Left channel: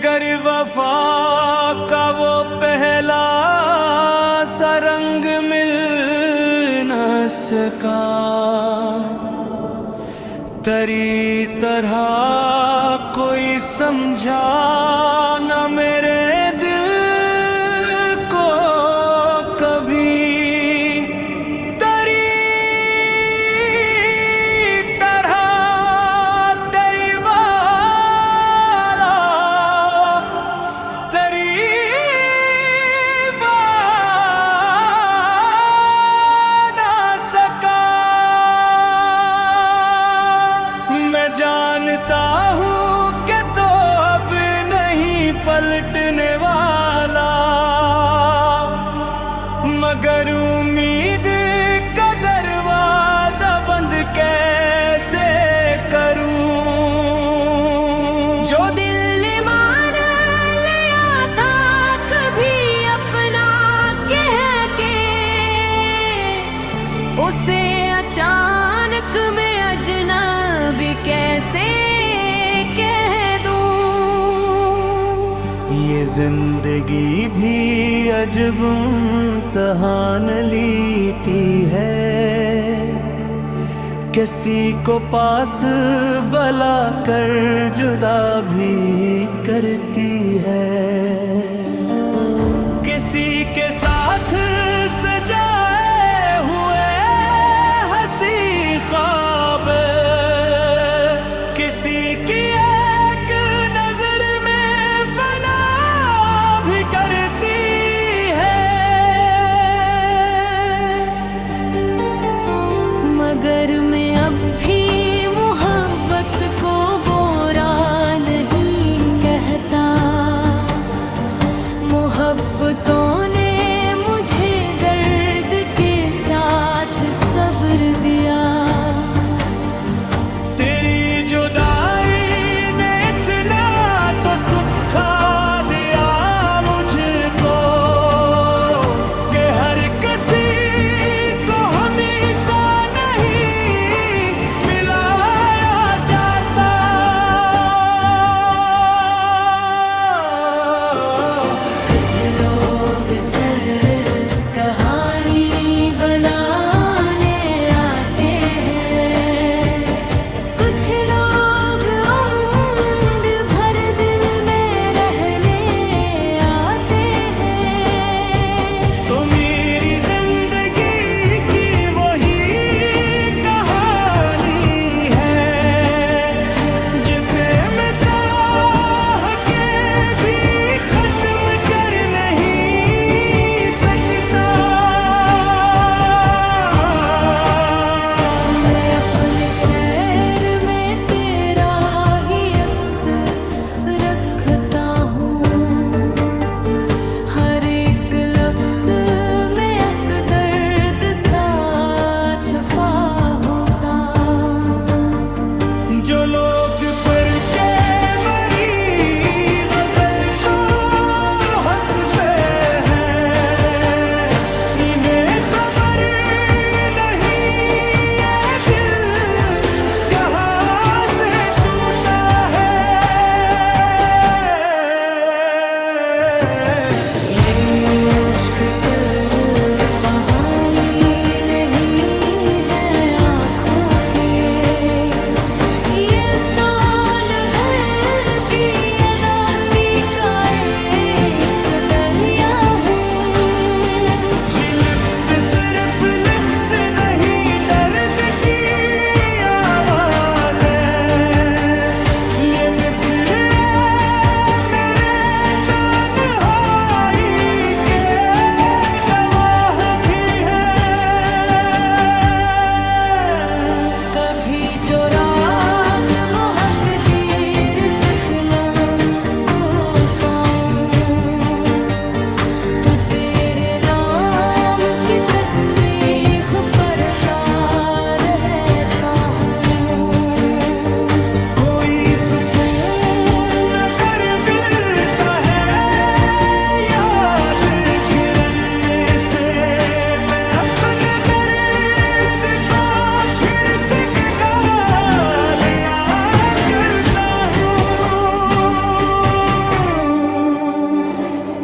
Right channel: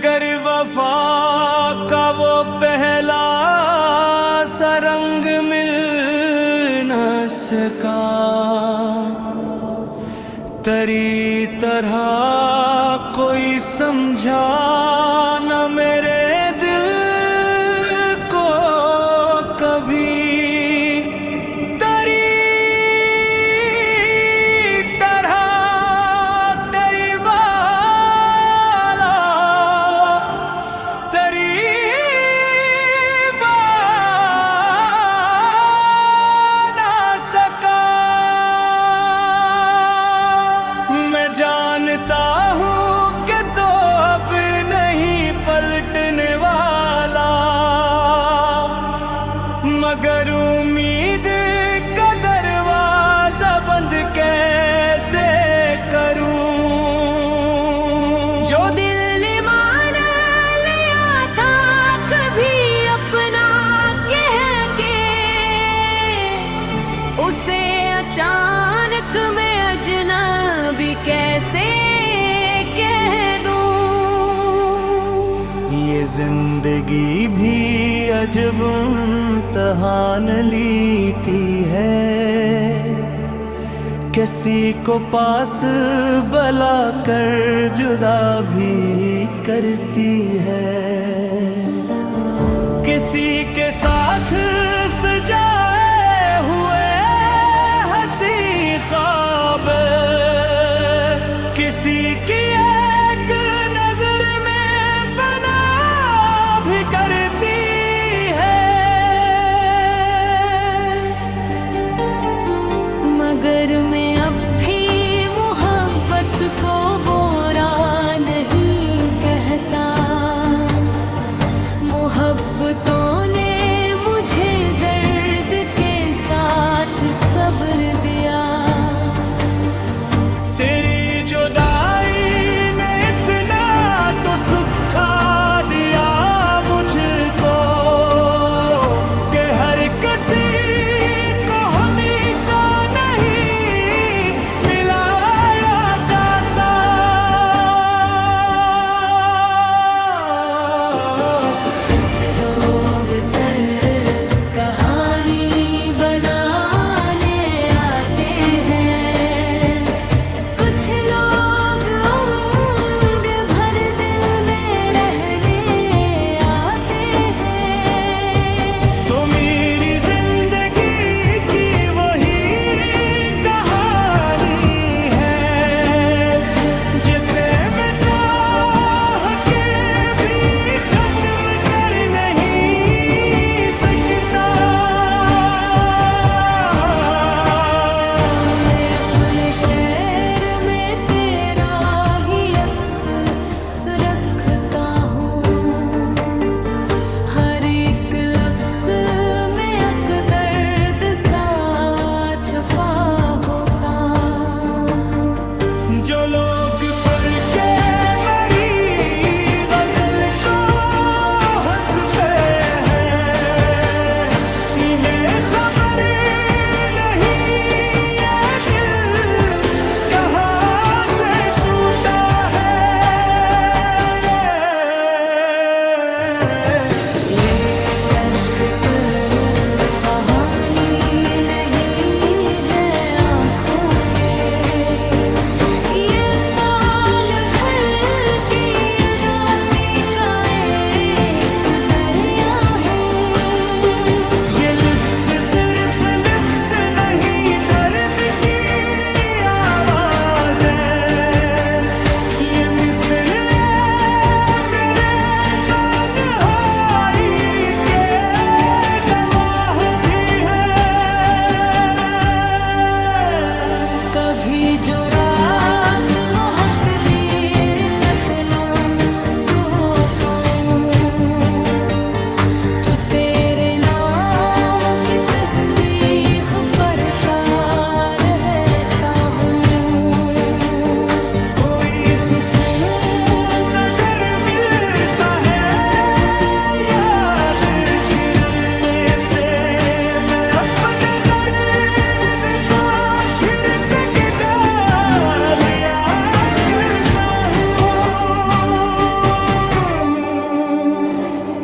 मगर वफा का वो पहला सा रंग मिल न सका। तेरी तरह कोई समझा न मेरे दिल को कभी। तेरी तरह तेरी वाला तेरी जानता हूँ कि तो अब नहीं पलटने वाला, मगर उम्मीद का दरवाजा बंद कैसे करूँ। जो दिल मान लिया था कभी अपना कह के, उसे अचानक मैं अजनबी कैसे कह दूं। ये जिंदगी भी अजब इम्तिहान लेती है, किसी को पास बुला कर जुदा भी करती है। किसी के साथ सजाए हुए हंसी ख्वाब, किसी की एक नजर में फना भी करती है। मगर मैं अब भी मोहब्बत को बुरा नहीं कहता। मोहब्बतों ने मुझे दर्द के साथ सब्र दिया। तेरी जुदाई ने इतना तो सुखा दिया मुझको कि हर किसी को हमेशा नहीं मिलाया जाता। कुछ लोग सरस कहानी बनाने आते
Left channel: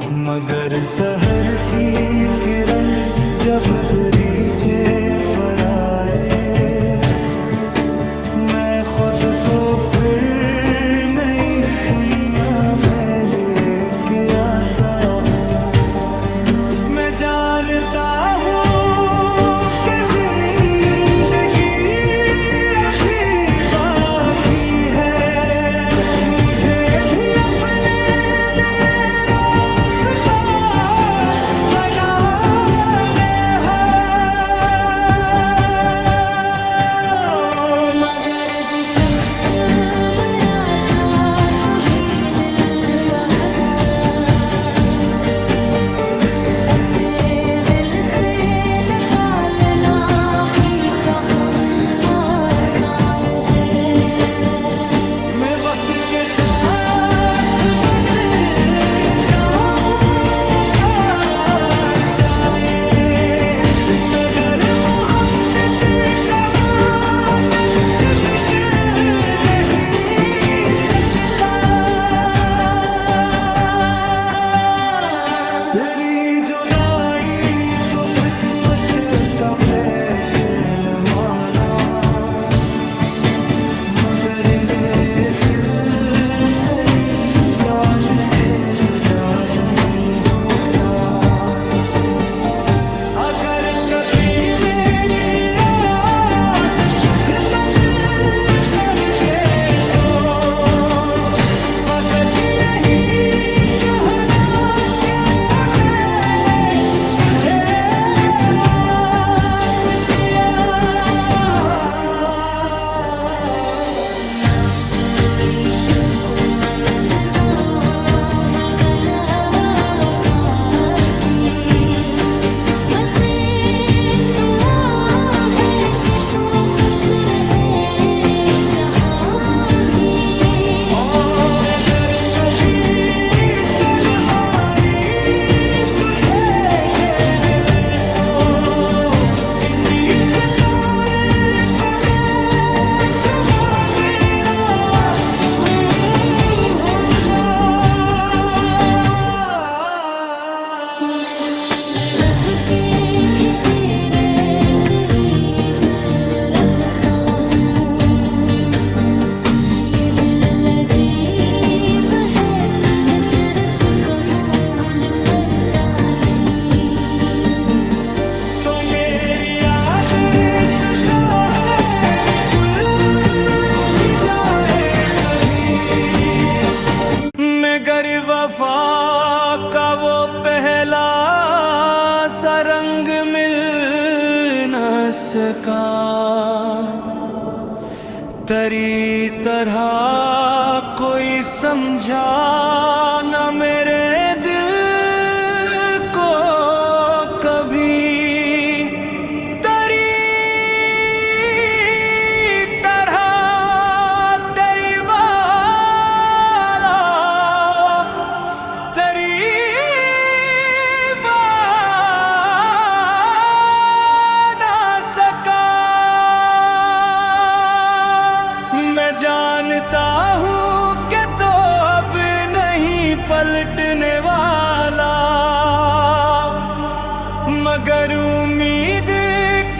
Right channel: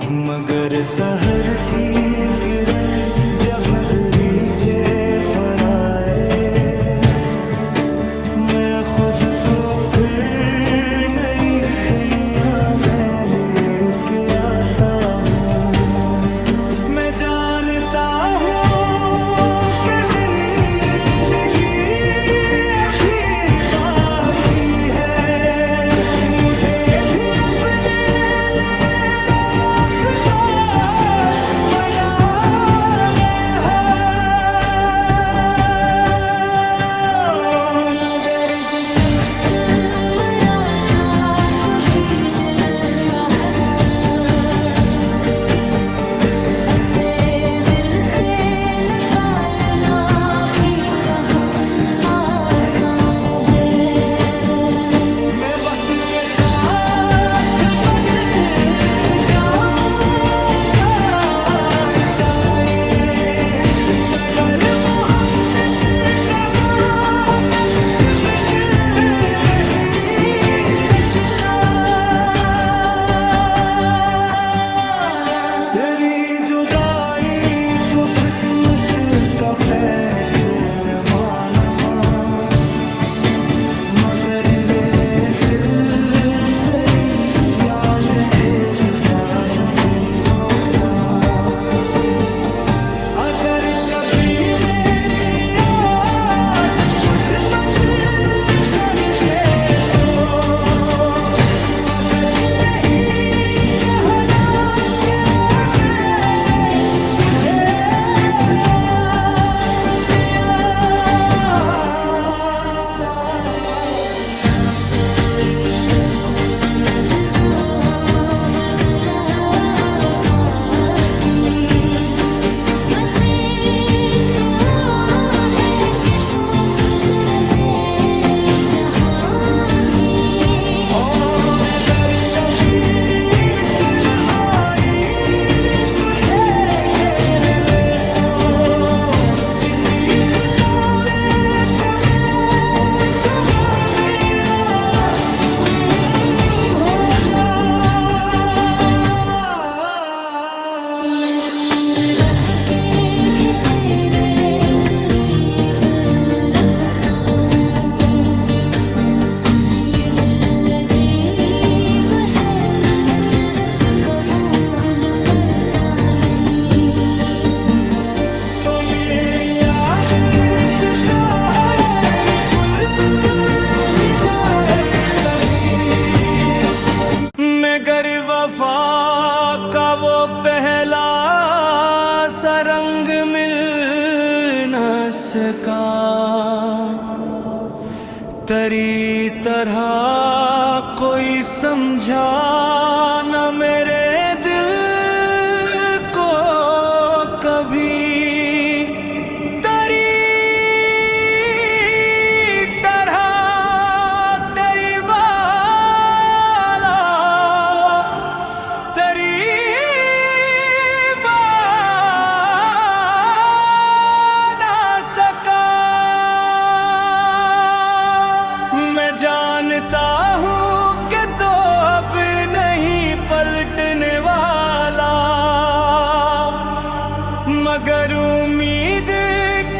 मगर सहर की किरण जब दरीचे पर आए, मैं खुद को फिर नई दुनिया में लेके आता हूँ। मैं जानता हूँ कि जिंदगी अभी बाकी है, मुझे भी अपने लिए रास्ता बनाना है। मगर जो शख्स मरा था कभी दिल का हस्सा, ऐसे दिल से निकालना भी कहाँ आसान है। मैं वक्त के साथ बदल जाऊंगा शायद, मगर मोहब्बत का वो नक्श मिट नहीं सकता। तेरी जुदाई को किस्मत का फैसला माना, मगर ये दिल तेरी याद से जुदा नहीं होता। अगर कभी मेरी आस तुझ बन कर जे तो फकत यही कहना कि मैंने तुझे माफ किया। ना कोई शक व लहज़ा न गला बाकी, बस एक दुआ है कि तू खुश रहे जहाँ भी। और अगर कभी तन आई तुझे घेर ले तो किसी सितारे को देख वो मेरा होगा। मैं दूर रह के भी तेरे करीब रहता हूँ। ये दिल अजीब है, हिजरत कबूल करता नहीं। तो मेरी याद सच्चा है, निकल भी जाए कभी, मगर वफा का वो पहला सा रंग मिल न सका। तेरी तरह कोई समझा न मेरे दिल को कभी। तेरी तरह तेरी वाला तेरी ना सका। मैं जानता हूँ कि तो अब नहीं पलटने वाला, मगर उम्मीद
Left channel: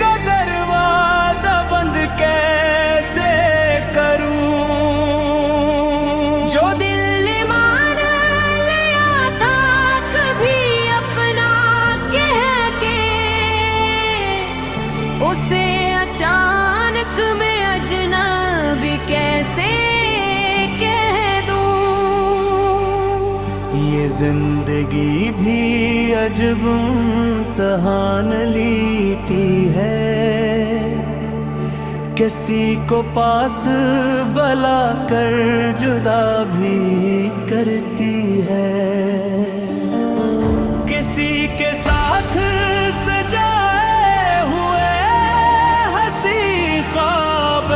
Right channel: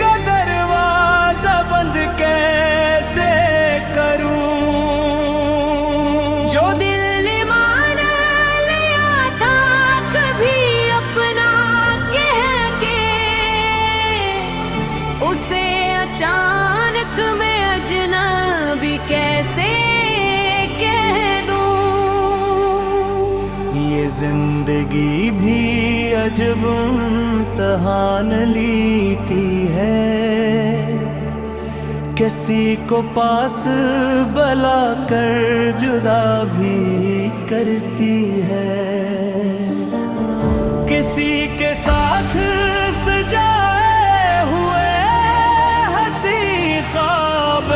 का दरवाजा बंद कैसे करूं। जो दिल मान लिया था कभी अपना कह के, उसे अचानक मैं अजनबी कैसे कह दूं। ये जिंदगी भी अजब इम्तहान लेती है, किसी को पास बुला कर जुदा भी करती है। किसी के साथ सजाए हुए हंसी ख्वाब,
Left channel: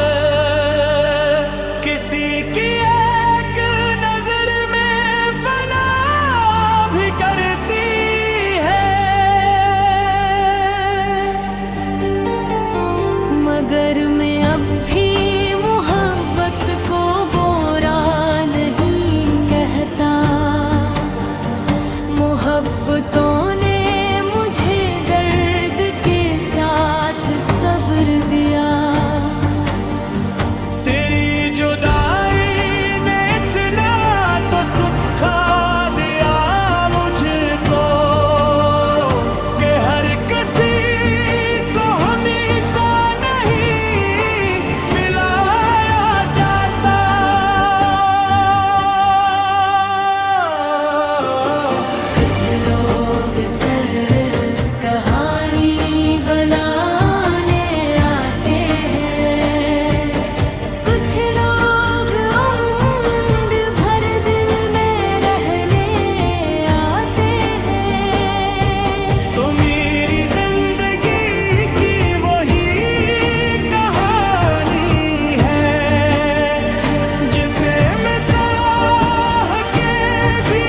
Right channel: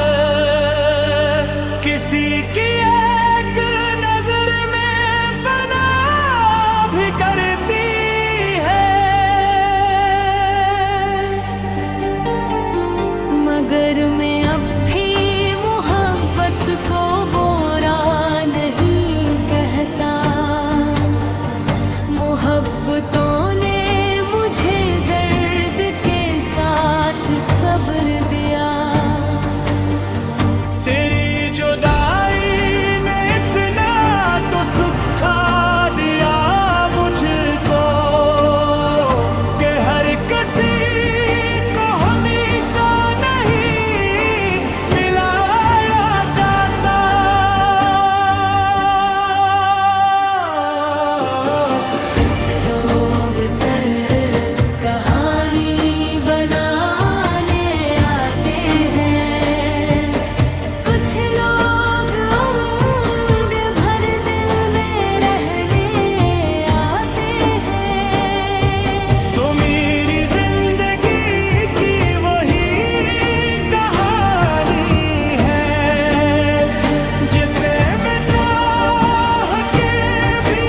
किसी की एक नजर में फना भी करती है। मगर मैं अब भी मोहब्बत को बुरा नहीं कहता। मोहब्बतों ने मुझे दर्द के साथ सब्र दिया। तेरी जुदाई ने इतना तो सुखा दिया मुझको कि हर किसी को हमेशा नहीं मिलाया जाता। कुछ लोग सिर्फ कहानी बनाने आते हैं, कुछ लोग उम्र भर दिल में रहने आते हैं। तो मेरी जिंदगी की वही कहानी है जिसे मैं चाह के भी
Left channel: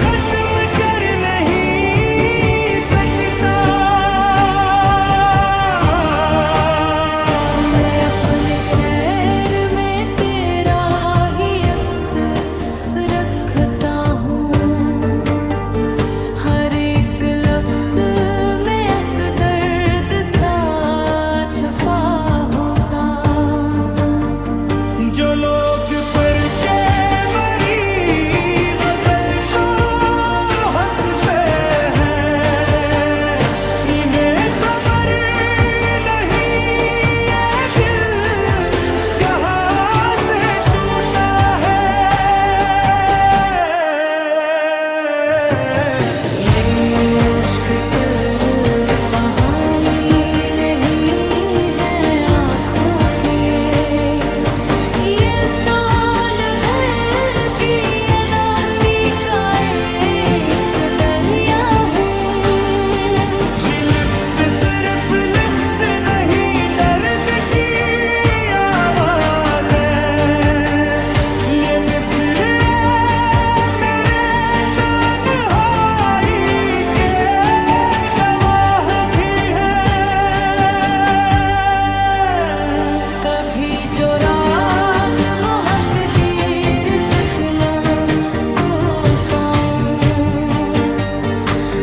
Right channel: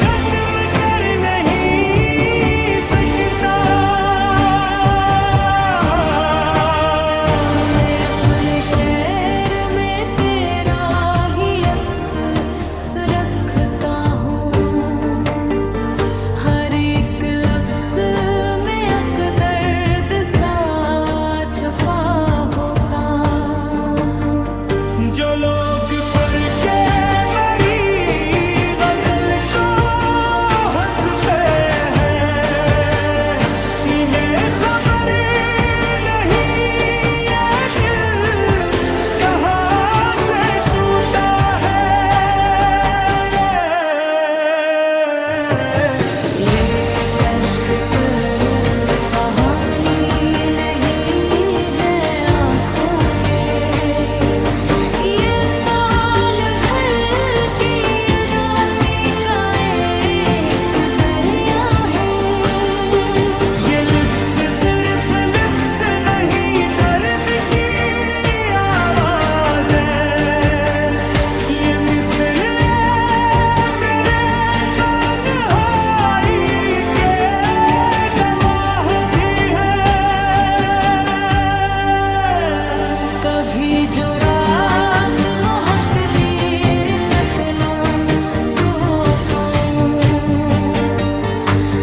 खत्म कर नहीं सकता। मैं अपने शहर में तेरा ही अक्स रखता हूँ, हर एक लफ्ज में एक दर्द सा छुपा होता। जो लोग पर के मरी गजल को हंस पे हैं, इन्हें खबर नहीं ये दिल कहाँ से टूटा है। ये अश्क सिर्फ बहानी नहीं है आँखों के, ये साल भर की अदासी का एक दरिया है। ये लिफ्स सिर्फ लिफ्स नहीं दर्द की आवाज है, ये मिस्र मेरे तन्हाई के गवाह भी है। कभी जो रात बहुत देर तक ना सो पाऊं,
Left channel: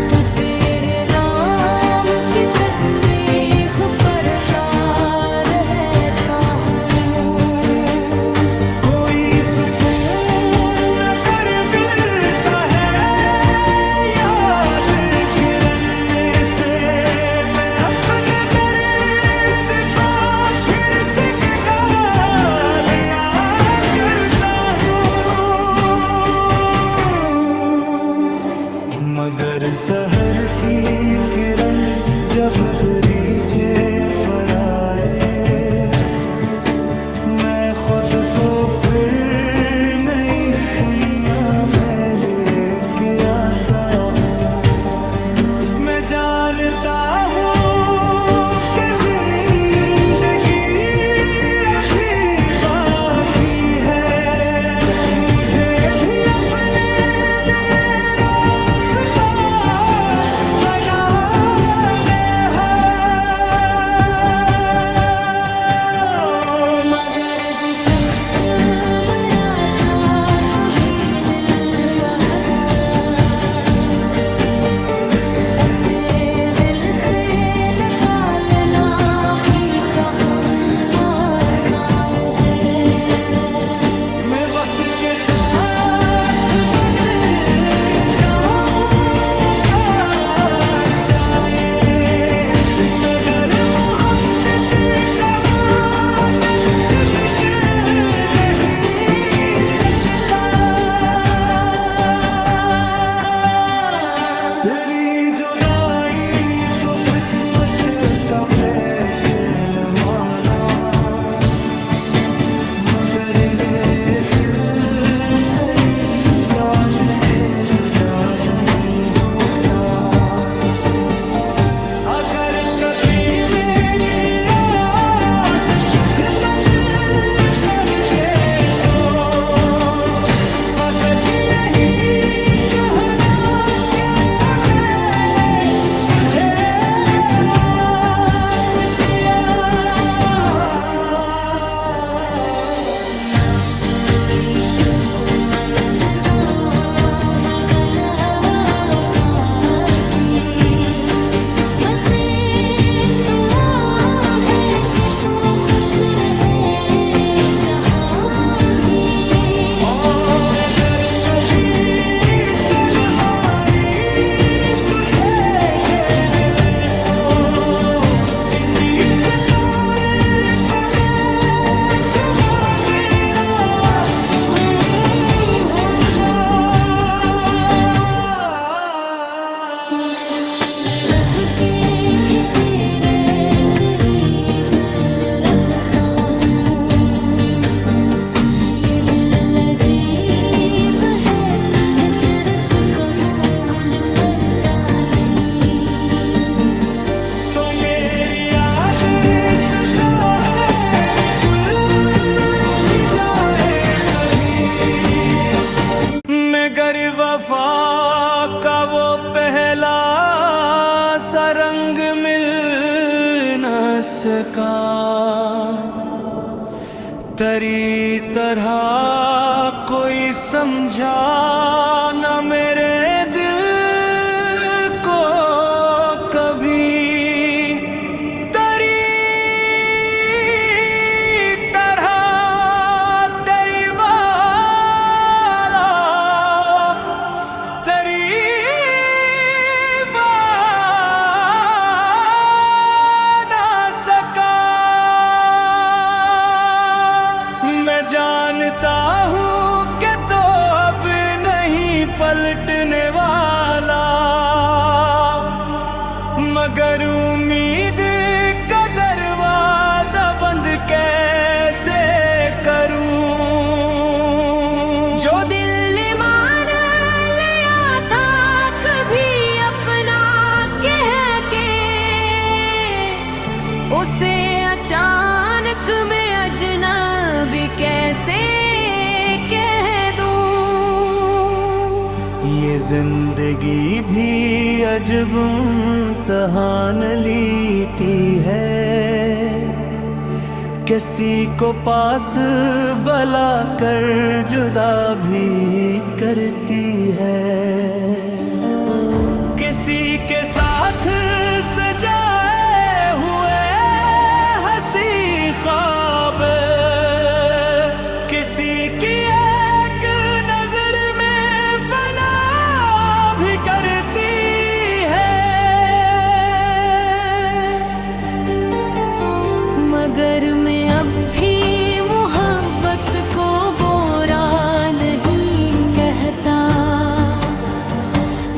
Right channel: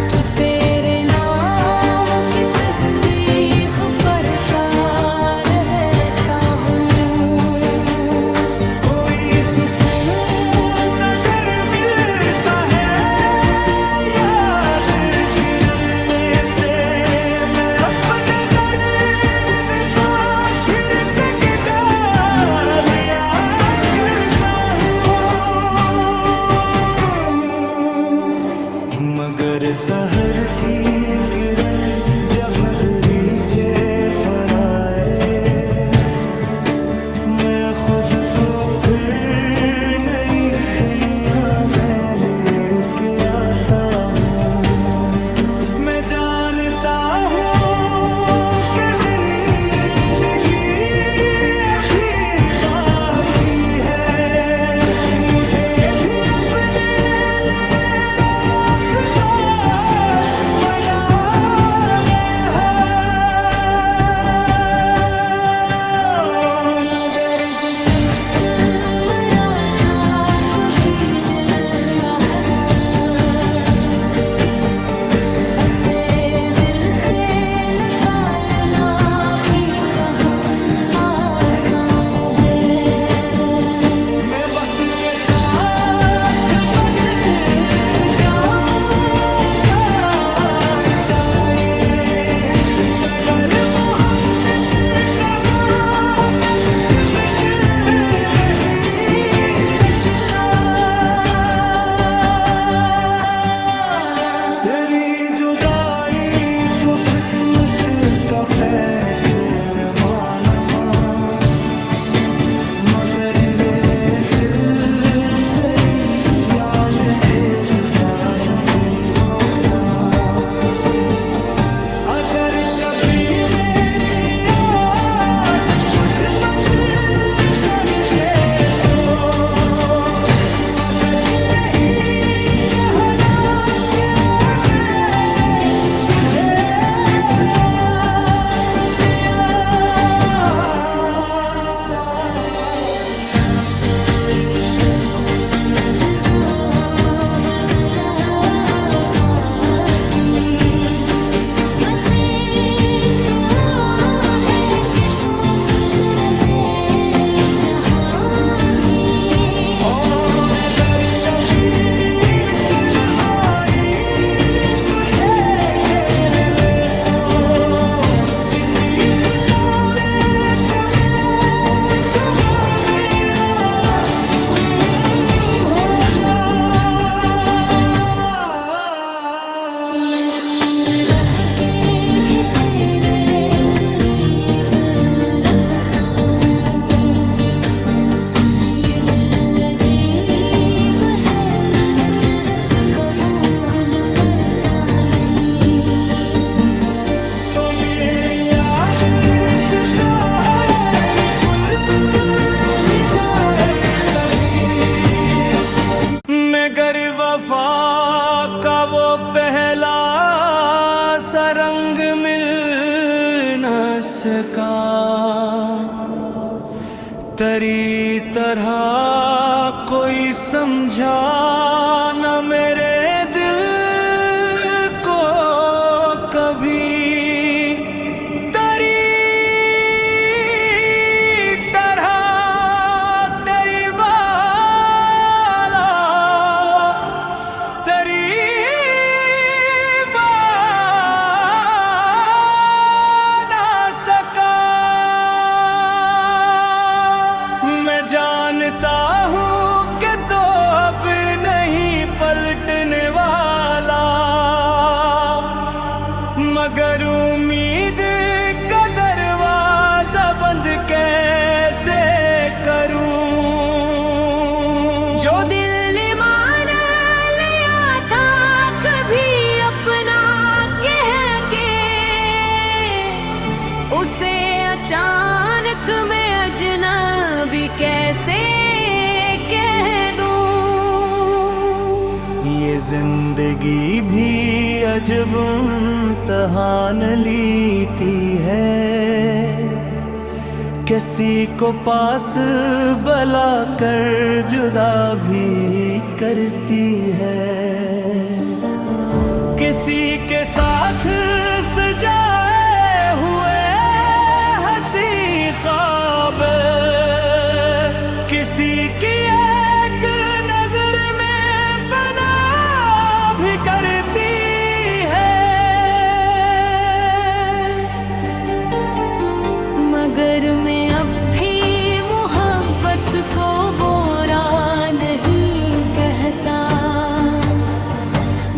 तो तेरे नाम की तस्बीह पढ़ता रहता हूँ। कोई सुकून अगर मिलता है याद करने से, मैं अपने दर्द को फिर से गा लिया करता हूँ। मगर सहर की किरण जब दरीचे पर आए, मैं खुद को फिर नई दुनिया में लेके आता हूँ। मैं जानता हूँ कि जिंदगी अभी बाकी है, मुझे भी अपने लिए रास्ता बनाना है। मगर जो शख्स मरा था कभी दिल का हस्सा, ऐसे दिल से निकालना भी कहाँ आसान है। मैं वक्त के साथ बदल जाऊंगा शायद, मगर मोहब्बत का वो नक्श मिट नहीं सकता। तेरी जुदाई को किस्मत का फैसला माना, मगर ये दिल तेरी याद से जुदा नहीं होता। अगर कभी मेरी आस तुझ बन कर जे तो फकत यही कहना कि मैंने तुझे माफ किया। ना कोई शक व लहज़ा में गला वफा का वो पहला सा रंग मिल न सका, तेरी तरह कोई समझा न मेरे दिल को कभी। तेरी तरह तेरी वाला तेरी ना सका। मैं जानता हूँ कि तो अब नहीं पलटने वाला, मगर उम्मीद का दरवाजा बंद कैसे करूं। जो दिल मान लिया था कभी अपना कह के, उसे अचानक मैं अजनबी कैसे कह दूं। ये जिंदगी भी अजब इम्तिहान लेती है, किसी को पास बुला कर जुदा भी करती है। किसी के साथ सजाए हुए हंसी ख्वाब, किसी की एक नजर में फना भी करती है। मगर मैं अब भी मोहब्बत को बुरा नहीं कहता।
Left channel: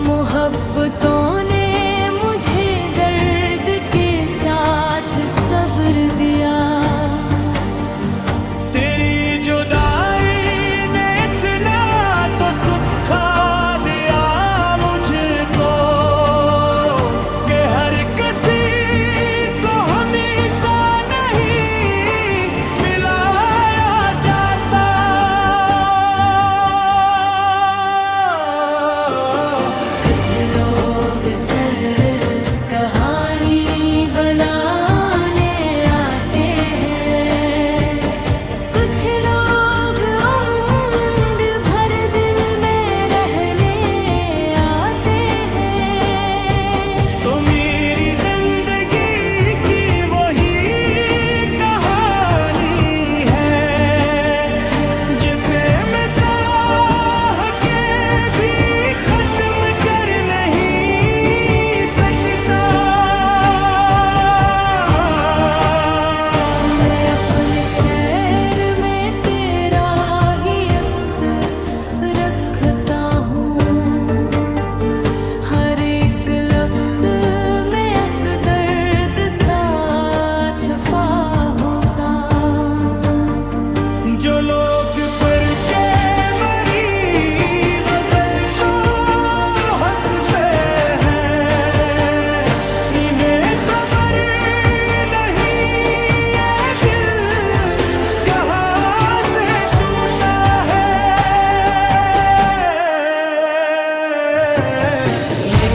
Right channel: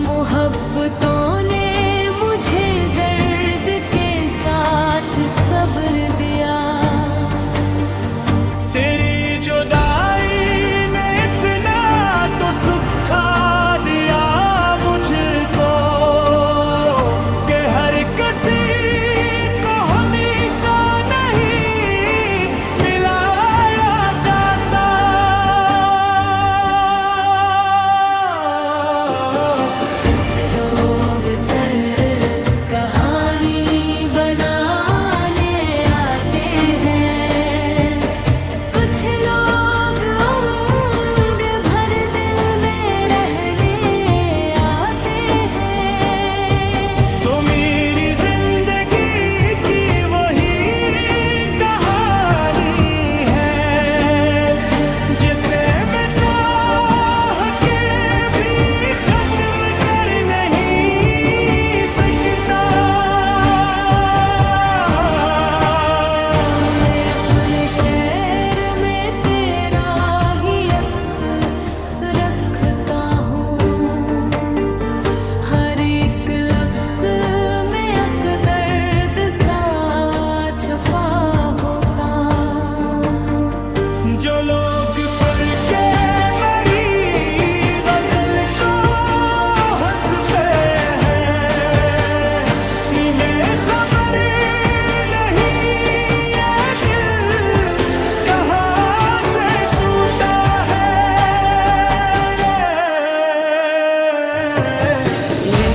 मोहब्बतों ने मुझे दर्द के साथ सब्र दिया। तेरी जुदाई ने इतना तो सुखा दिया मुझको, कि हर किसी को हमेशा नहीं मिलाया जाता। कुछ लोग सिर्फ कहानी बनाने आते हैं, कुछ लोग उम्र भर दिल में रहने आते हैं। तो मेरी जिंदगी की वही कहानी है, जिसे मैं चाह के भी खत्म कर नहीं सकता। मैं अपने शहर में तेरा ही अक्स रखता हूँ, हर एक लफ्ज में एक दर्द सा छुपा होता। जो लोग पर के मरी गजल को हंस पे हैं, इन्हें खबर नहीं ये दिल कहाँ से टूटा है। ये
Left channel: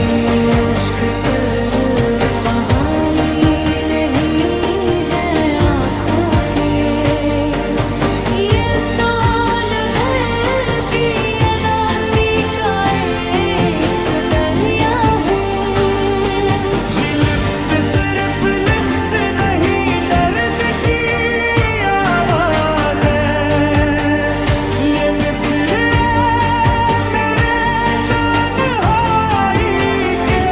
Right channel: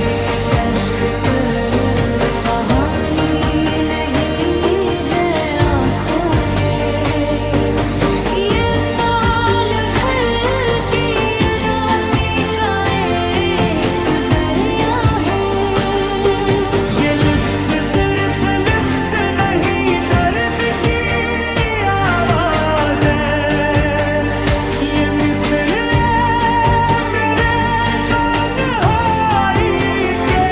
अश्क सिर्फ कहानी नहीं है आँखों के, ये साल भर की अदासी का एक दरिया है। ये लिफ्स सिर्फ लिफ्स नहीं दर्द की आवाज है, ये मिस्र मेरे तन्हाई के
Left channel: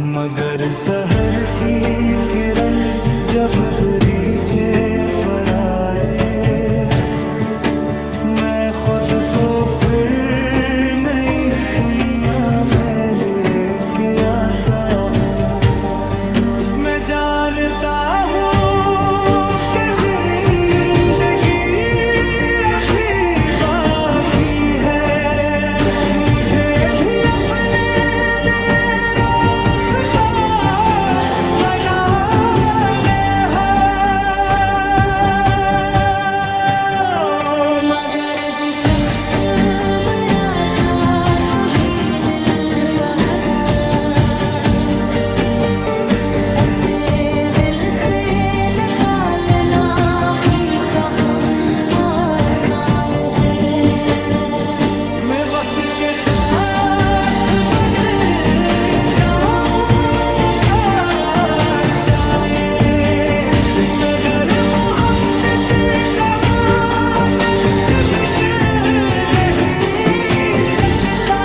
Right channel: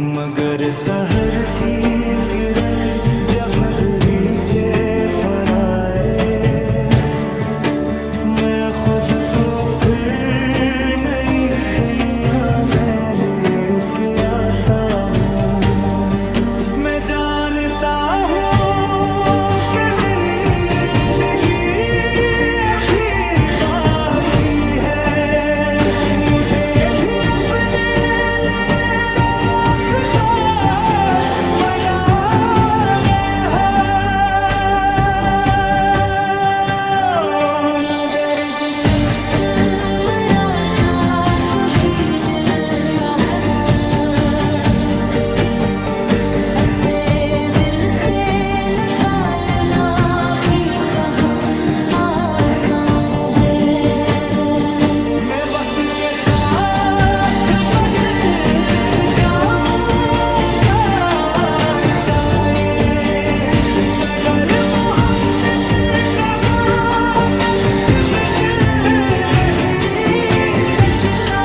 मगर सहर की किरण जब दरीचे पर आए, मैं खुद को फिर नई दुनिया में लेके आता हूँ। मैं जानता हूँ कि जिंदगी अभी बाकी है, मुझे भी अपने लिए रास्ता बनाना है। मगर जो शख्स मरा था कभी दिल का हस्सा, ऐसे दिल से निकालना भी कहाँ आसान है। मैं वक्त के साथ बदल जाऊंगा शायद, मगर मोहब्बत का वो नक्श मिट नहीं सकता।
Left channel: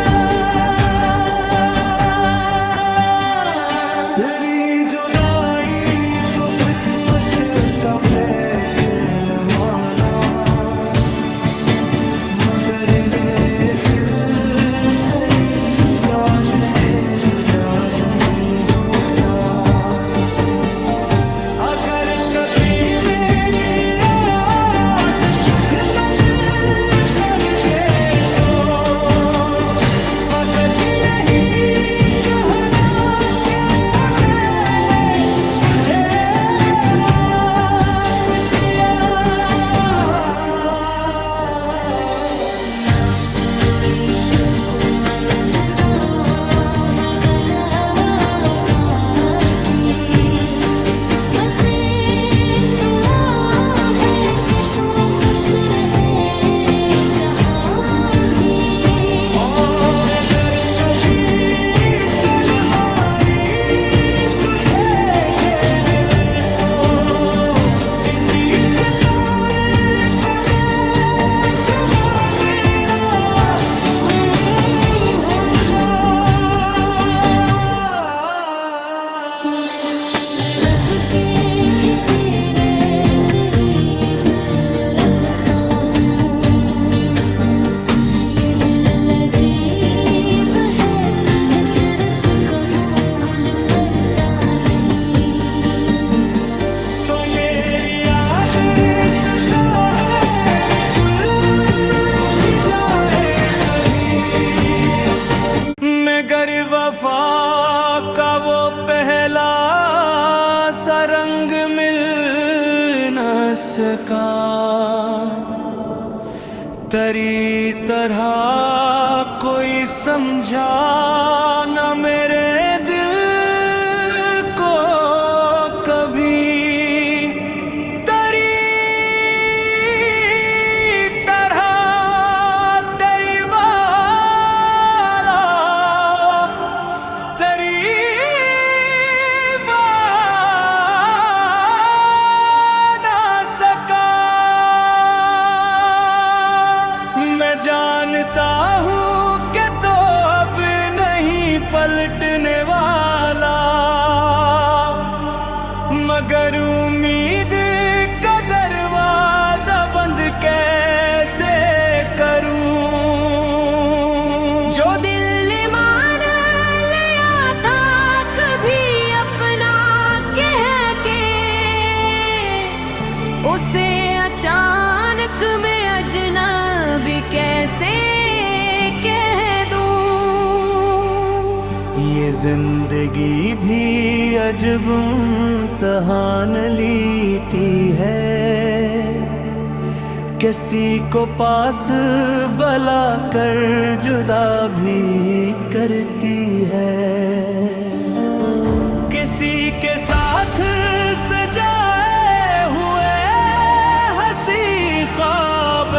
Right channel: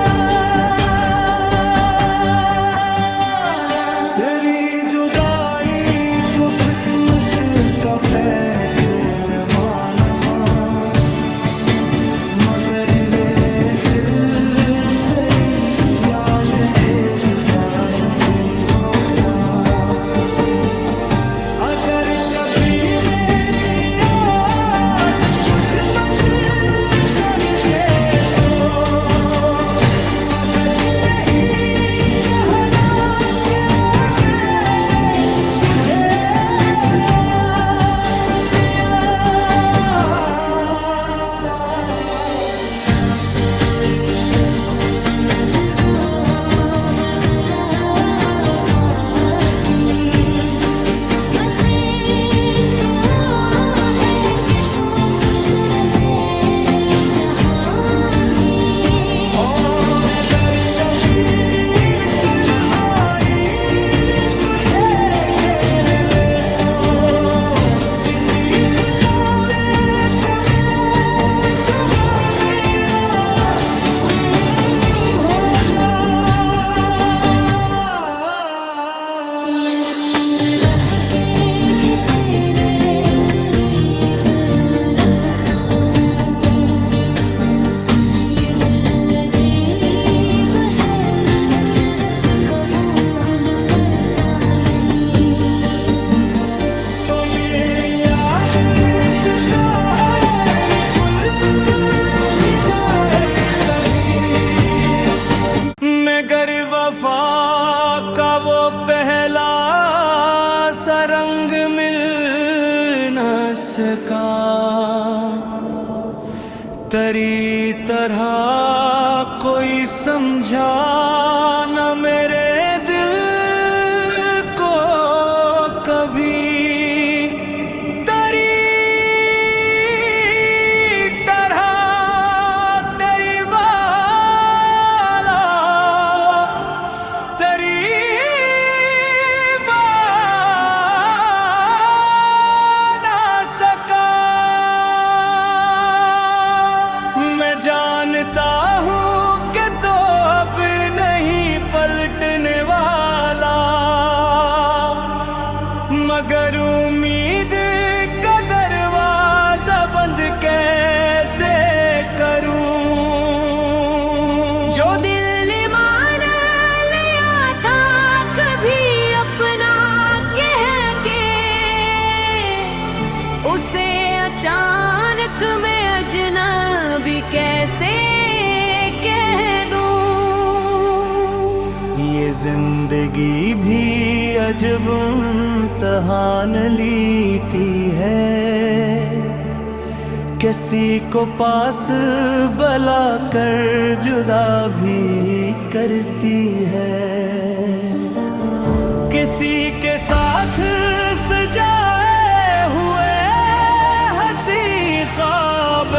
तेरी जुदाई को किस्मत का फैसला माना, मगर ये दिल तेरी याद से जुदा नहीं होता। अगर कभी मेरी आस तुझ तक कर जे तो फकत यही कहना कि मैंने तुझे माफ किया। ना कोई शक व लहज़ा न गला बाकी, बस एक दुआ है कि तू खुश रहे जहाँ भी। और अगर कभी तन आई तुझे घेर ले तो किसी सितारे को देख वो मेरा होगा। मैं दूर रह के भी तेरे करीब रहता हूँ। ये दिल अजीब है, हिजरत कबूल करता नहीं। तो मेरी याद सचाए निकुल भी जाए कभी, मगर वफा का वो पहला सा रंग मिल न सका। तेरी तरह कोई समझा न मेरे दिल को कभी। तेरी तरह तेरी वाला तेरी ना सका। मैं जानता हूँ कि तो अब नहीं पलटने वाला, मगर उम्मीद का दरवाजा बंद कैसे करूं। जो दिल मान लिया था कभी अपना कह के, उसे अचानक मैं अजनबी कैसे कह दूं। ये जिंदगी भी अजब इम्तिहान लेती है, किसी को पास बुला कर जुदा भी करती है। किसी के साथ सजाए हुए हंसी ख्वाब,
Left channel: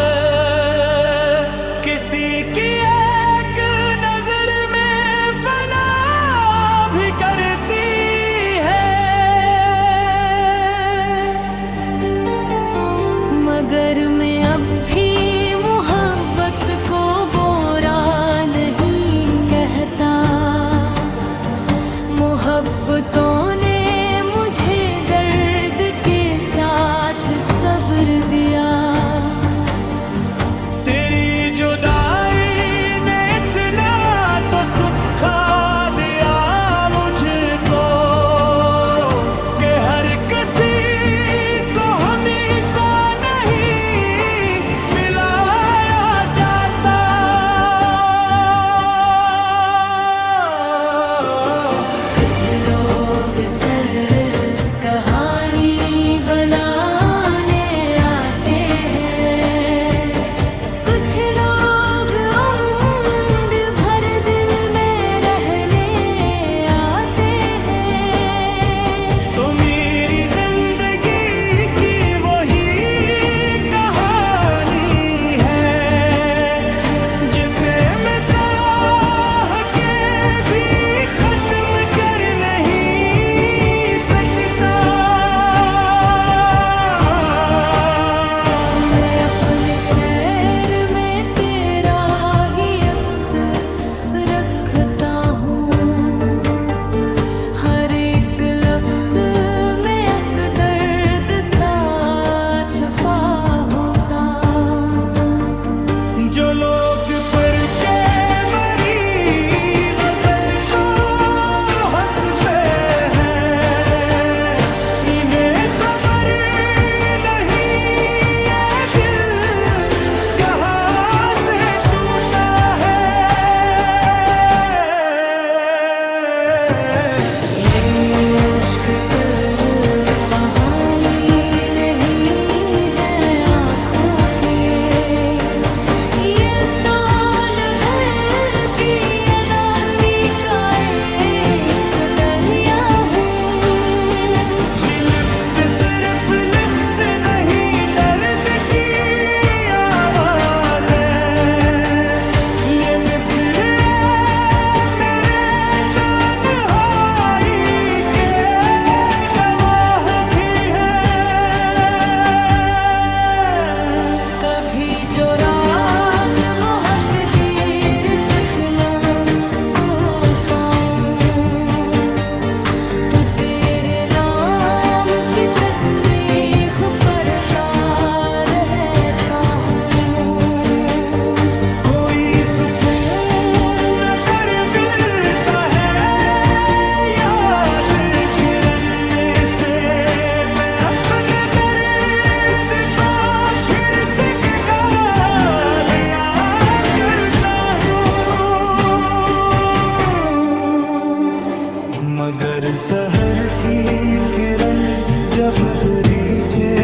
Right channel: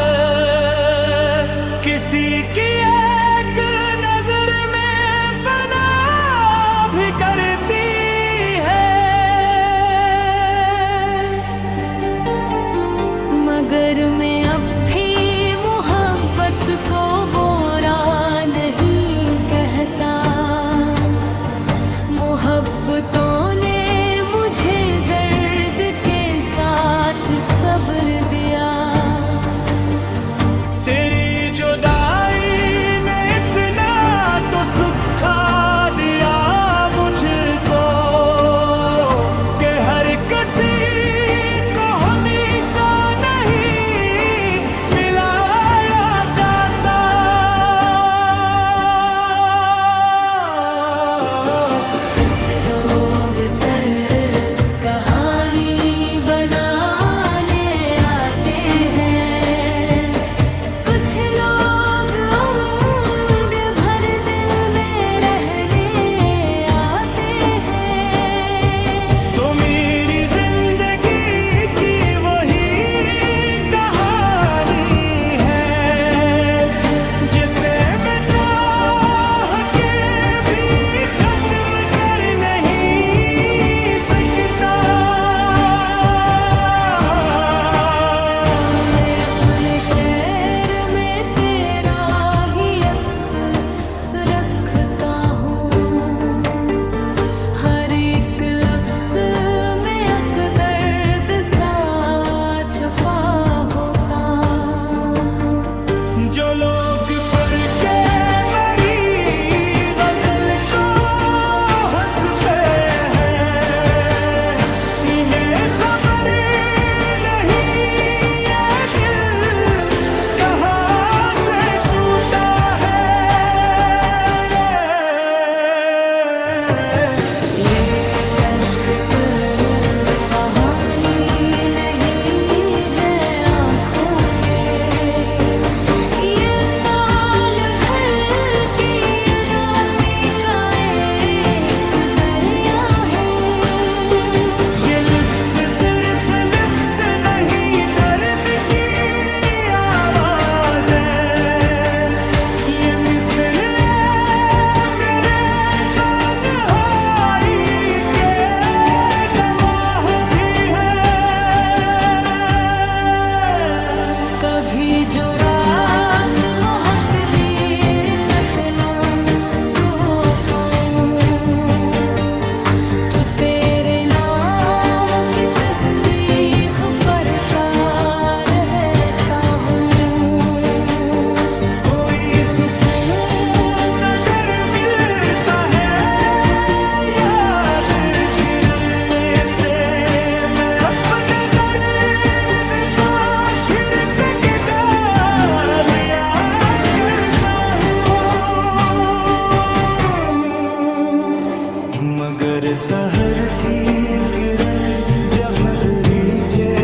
किसी की एक नजर में फना भी करती है। मगर मैं अब भी मोहब्बत को बुरा नहीं कहता। मोहब्बतों ने मुझे दर्द के साथ सब्र दिया। तेरी जुदाई ने इतना तो सुखा दिया मुझको कि हर किसी को हमेशा नहीं मिलाया जाता। कुछ लोग सिर्फ कहानी बनाने आते हैं, कुछ लोग उम्र भर दिल में रहने आते हैं। तो मेरी जिंदगी की वही कहानी है जिसे मैं चाह के भी खत्म कर नहीं सकता। मैं अपने शहर में तेरा ही अक्स रखता हूँ, हर एक लफ्ज में एक दर्द सा छुपा होता। जो लोग पर के मरी गजल को हंस पे हैं, इन्हें खबर नहीं ये दिल कहाँ से टूटा है। ये अश्क सिर्फ कहानी नहीं है आँखों के, ये साल भर की अदासी का एक दरिया है। ये लिफ्स सिर्फ लिफ्स नहीं दर्द की आवाज है, ये मिस्र मेरे तन्हाई के गवाह भी है। कभी जो रात बहुत देर तक ना सो पाऊं, तो तेरे नाम की तस्बीह पढ़ता रहता हूँ। कोई सुकून अगर मिलता है याद किरने से, मैं अपने दर्द को फिर से गा लिया करता हूँ। मगर सहर की किरण जब दरीचे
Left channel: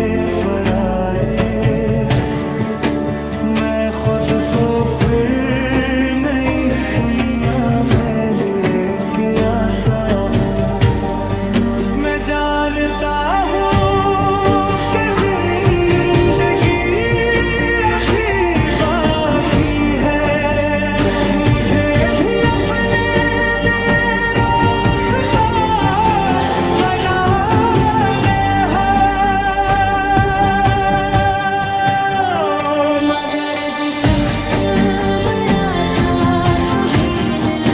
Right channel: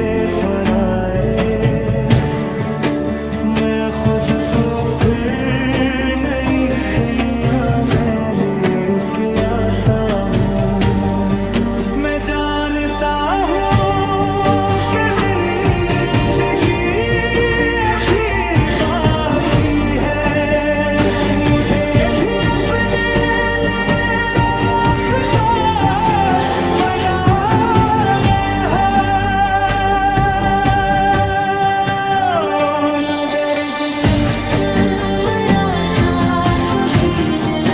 पर आए, मैं खुद को फिर नई दुनिया में लेके आता हूँ। मैं जानता हूँ कि जिंदगी अभी बाकी है, मुझे भी अपने लिए रास्ता बनाना है। मगर जो शख्स मरा था कभी दिल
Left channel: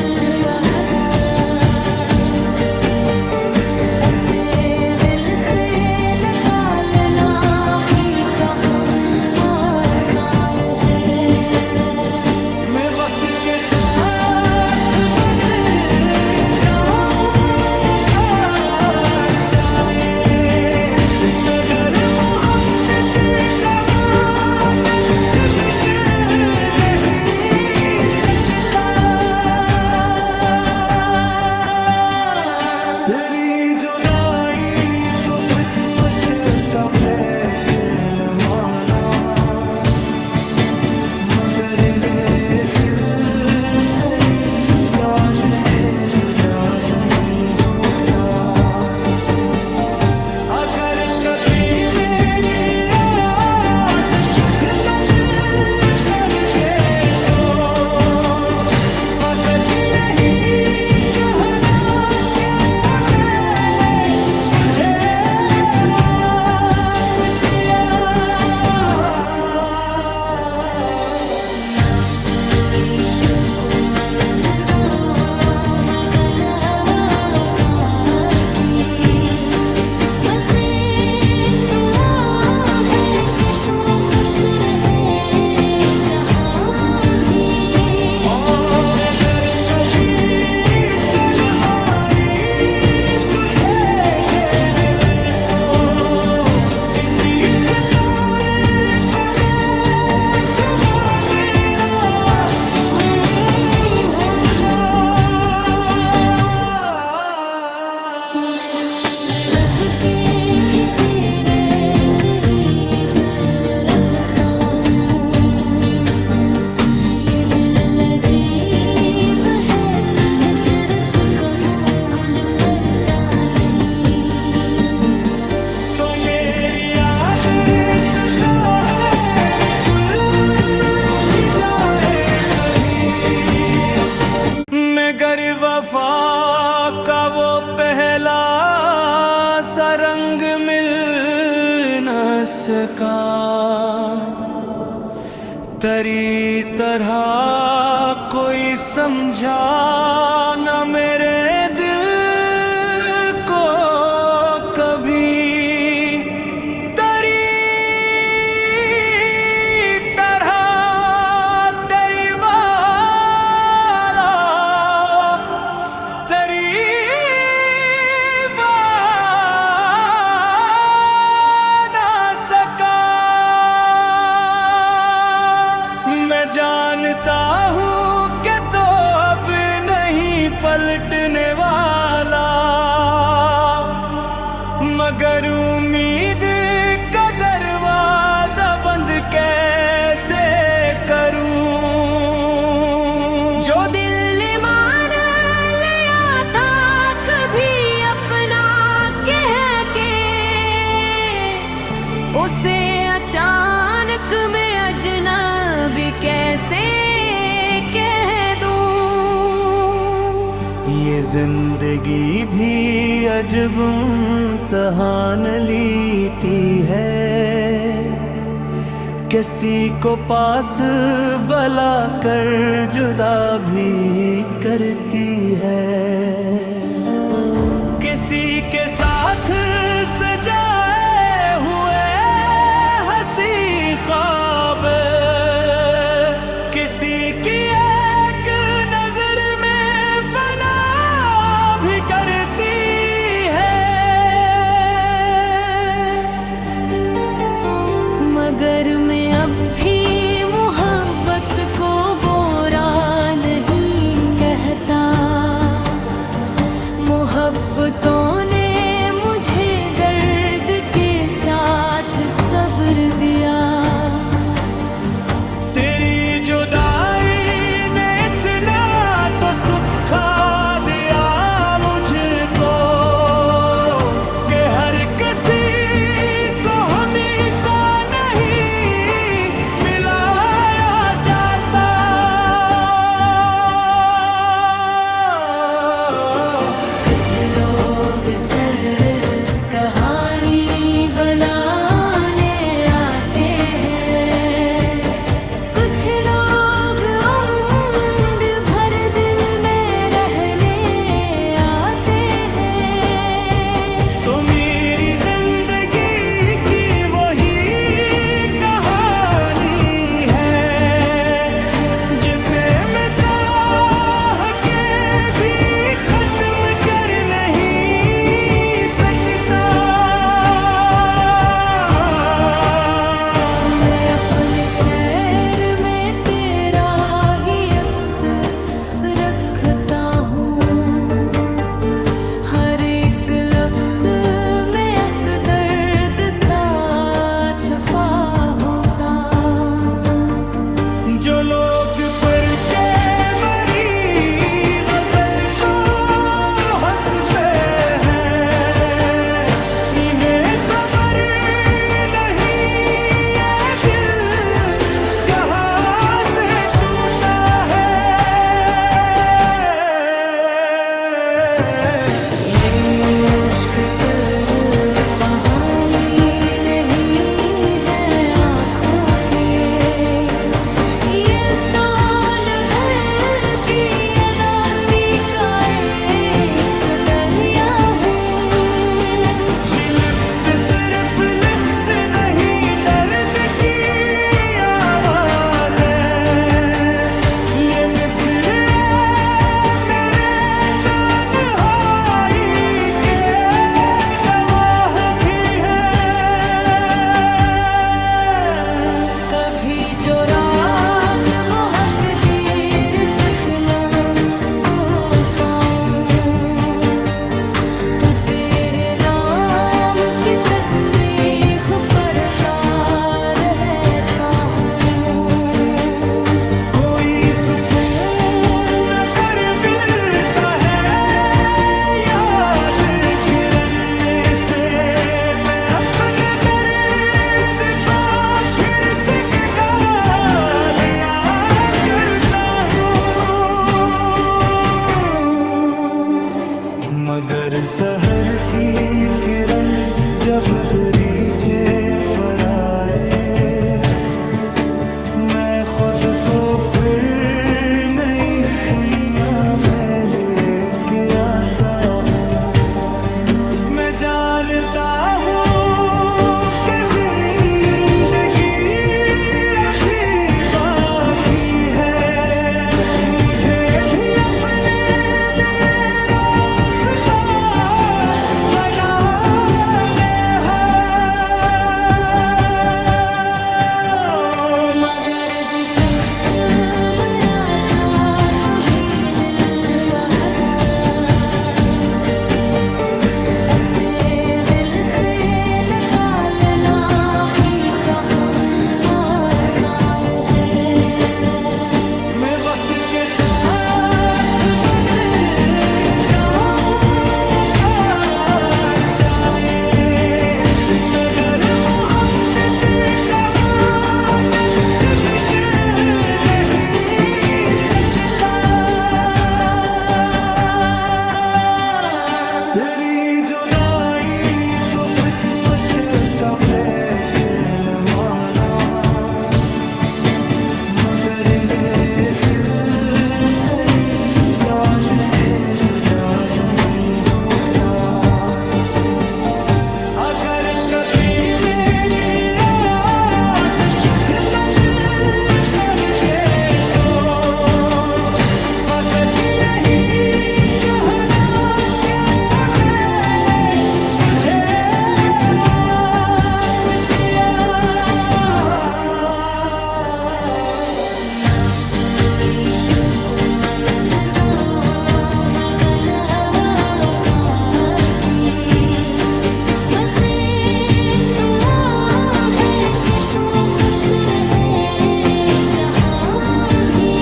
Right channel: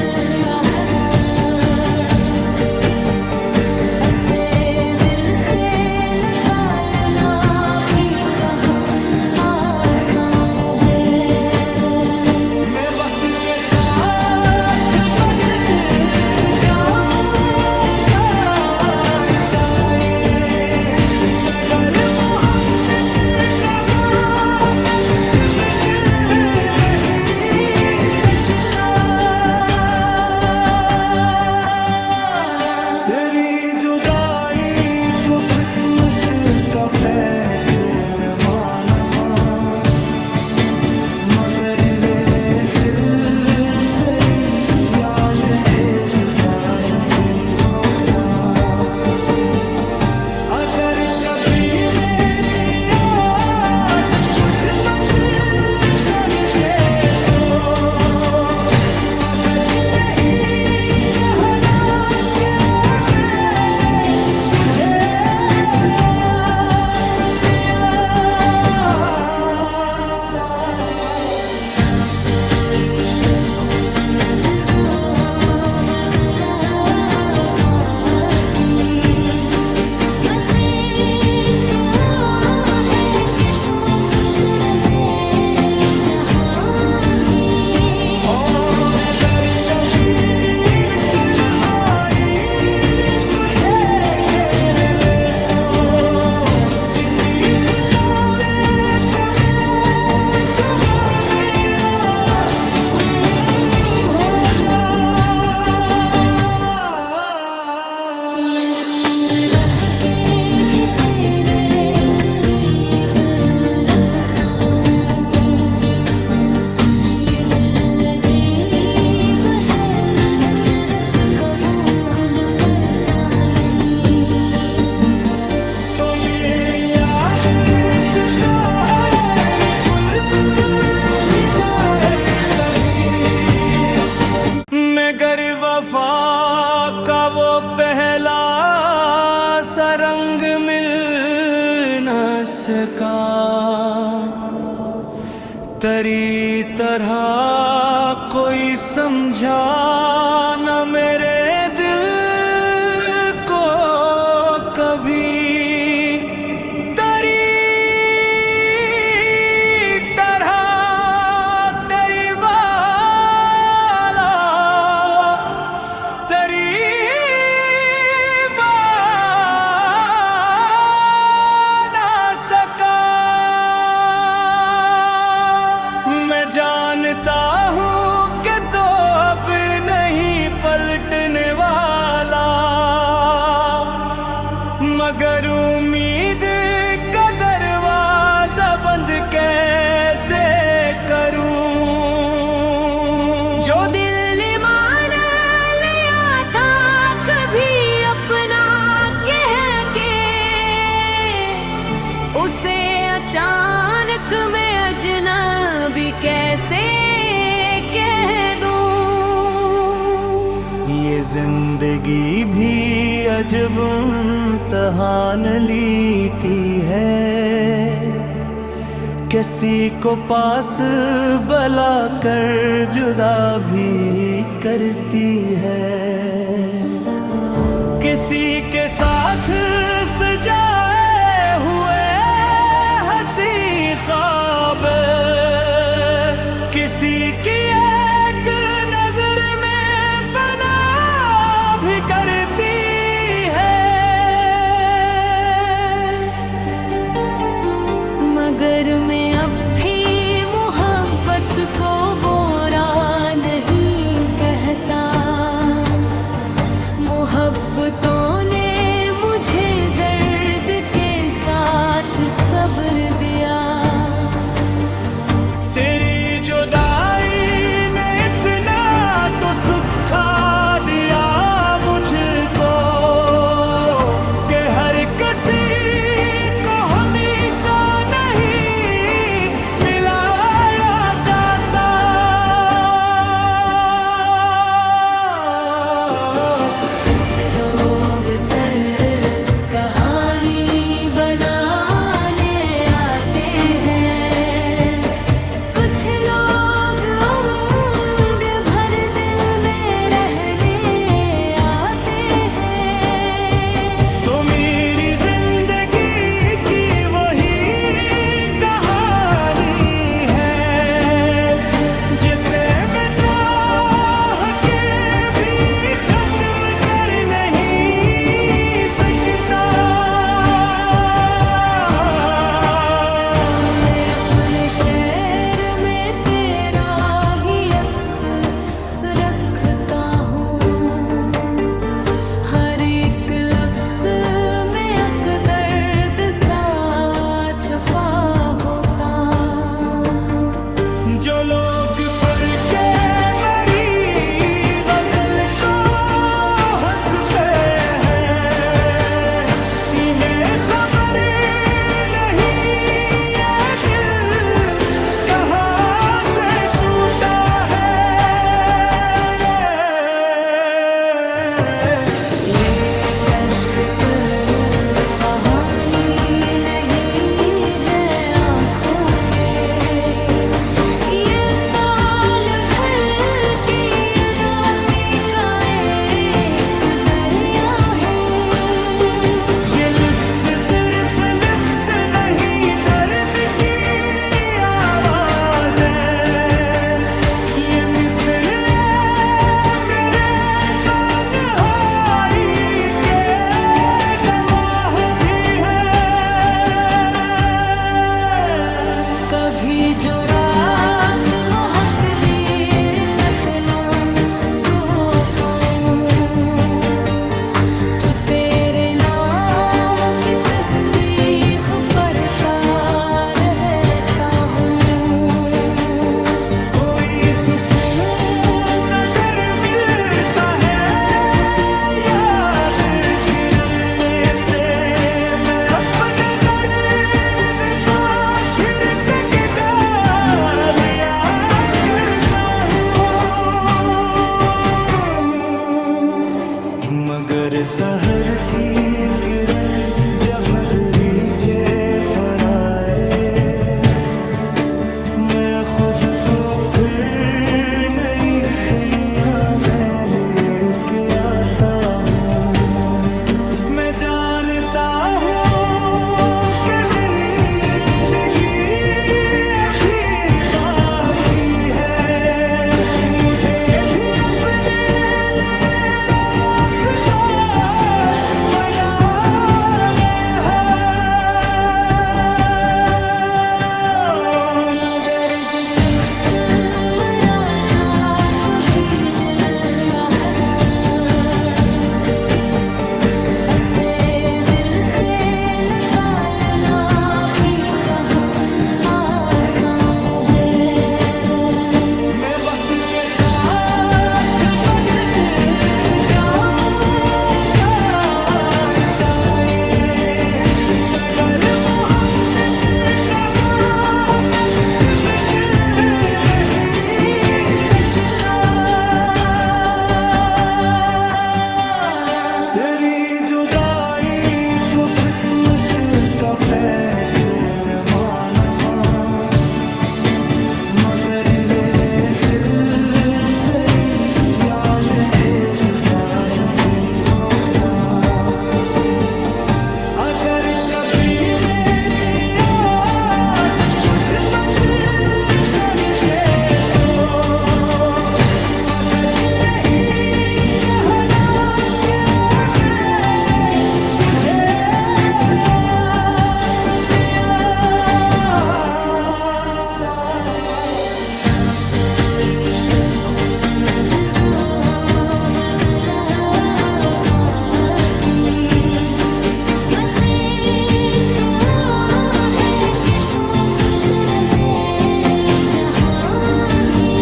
का हस्सा, ऐसे दिल से निकालना भी कहाँ आसान है। मैं वक्त के साथ बदल जाऊंगा शायद, मगर मोहब्बत का वो नक्श मिट नहीं सकता। तेरी जुदाई को किस्मत का फैसला माना, मगर ये दिल तेरी याद से जुदा नहीं होता। अगर कभी मेरी आस तुझ बन कर जे तो फकत यही कहना कि मैंने तुझे माफ किया। ना कोई शक व लहज़ा न गला वफा का वो पहला सा रंग मिल न सका, तेरी तरह कोई समझा न मेरे दिल को कभी। तेरी तरह तेरी वाला तेरी जानता हूँ कि तो अब नहीं पलटने वाला, मगर उम्मीद का दरवाजा बंद कैसे करूँ। जो दिल मान लिया था कभी अपना कह के, उसे अचानक मैं अजनबी कैसे कह दूं। ये जिंदगी भी अजब इम्तिहान लेती है, किसी को पास बुला कर जुदा भी करती है। किसी के साथ सजाए हुए हंसी ख्वाब, किसी की एक नजर में फना भी करती है। मगर मैं अब भी मोहब्बत को बुरा नहीं कहता, मोहब्बतों ने मुझे दर्द के साथ सब्र दिया। तेरी जुदाई ने इतना तो सुखा दिया मुझको, कि हर किसी को हमेशा नहीं मिलाया जाता। कुछ लोग सरस कहानी बनाने आते हैं, कुछ लोग उम्र भर दिल में रहने आते हैं। तो मेरी जिंदगी की वही कहानी है, जिसे मैं चाह के भी खत्म कर नहीं सकता। मैं अपने शहर में तेरा ही अक्स रखता हूँ, हर एक लफ्ज में एक दर्द सा छुपा होता। जो लोग पर के मरी गजल को हंसते हैं, इन्हें खबर नहीं ये दिल कहाँ से टूटा है। ये अश्क सिर्फ बहानी नहीं है आँखों के, ये साल भर की अदासी का एक दरिया है। ये लिफ्ज़ सिर्फ लिफ्ज़ नहीं दर्द की आवाज़ है, ये मिस्र मेरे तन्हाई के मगर सहर की किरण जब दरीचे पर आए, मैं खुद को फिर नई दुनिया में लेके आता हूँ। मैं जानता हूँ कि जिंदगी अभी बाकी है, मुझे भी अपने लिए रास्ता बनाने हैं। मगर जो शख्स मरा था कभी दिल का हस्सा, ऐसे दिल से निकालना भी कहाँ आसान है। मैं वक्त के साथ बदल जाऊंगा शायद, मगर मोहब्बत का वो नक्श मिट नहीं सकता। तेरी जुदाई को किस्मत का फैसला माना, मगर ये दिल तेरी याद से जुदा नहीं होता। अगर कभी मेरी आस तुझ तक कर जे तो फकत यही कहना कि मैंने तुझे माफ किया। ना कोई शक व लहज़ा न गला बाकी, बस एक दुआ है कि तू खुश रहे जहाँ भी।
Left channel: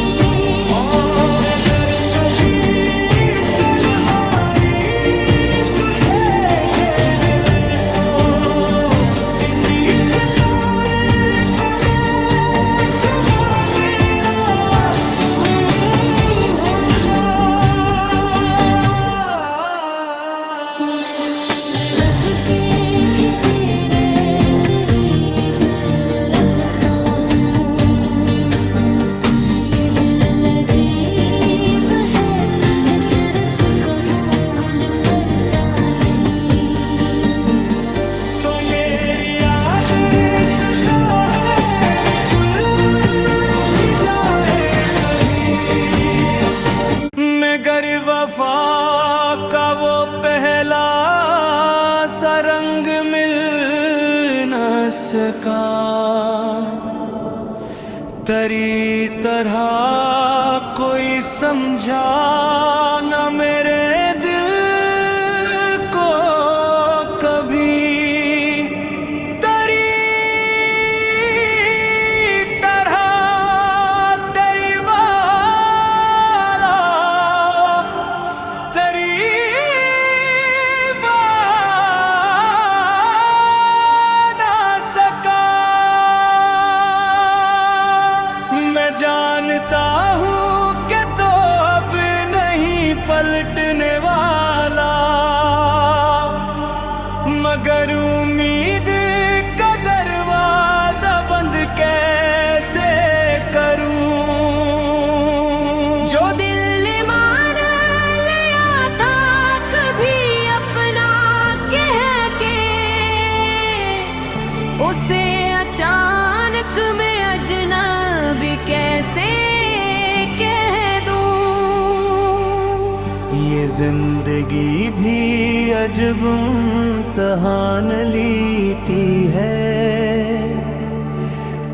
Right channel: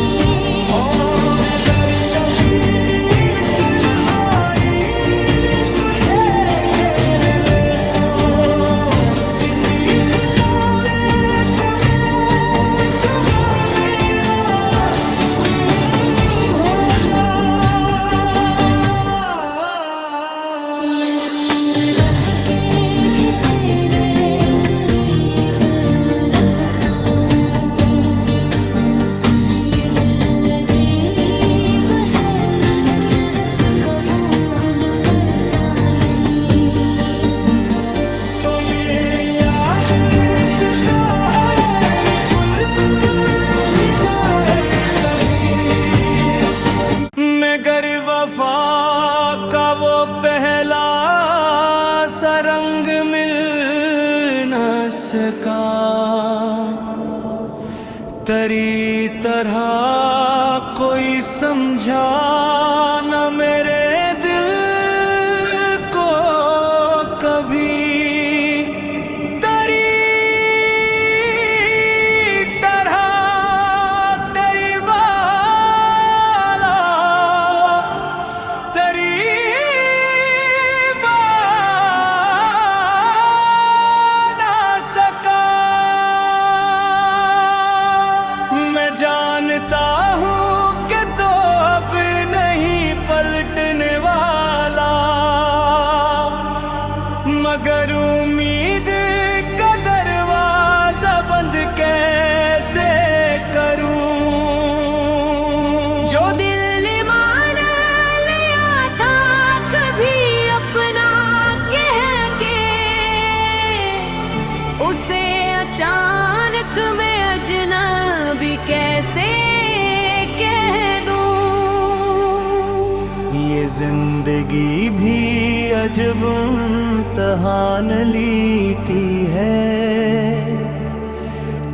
और अगर कभी तन आई तुझे घेर ले तो किसी सितारे को देख वो मेरा होगा। मैं दूर रह के भी तेरे करीब रहता हूँ। ये दिल अजीब है, हिजरत कबूल करता नहीं। तो मेरी याद से चाहे निकल भी जाए कभी, मगर वफा का वो पहला सा रंग मिल न सका। तेरी तरह कोई समझा न मेरे दिल को कभी। तेरी तरह तेरी वाला तेरी ना सका। मैं जानता हूँ कि तो अब नहीं पलटने वाला, मगर उम्मीद का दरवाजा बंद कैसे करूं। जो दिल मान लिया था कभी अपना कह के, उसे अचानक मैं अजनबी कैसे कह दूं। ये जिंदगी भी अजब इम्तहान लेती है,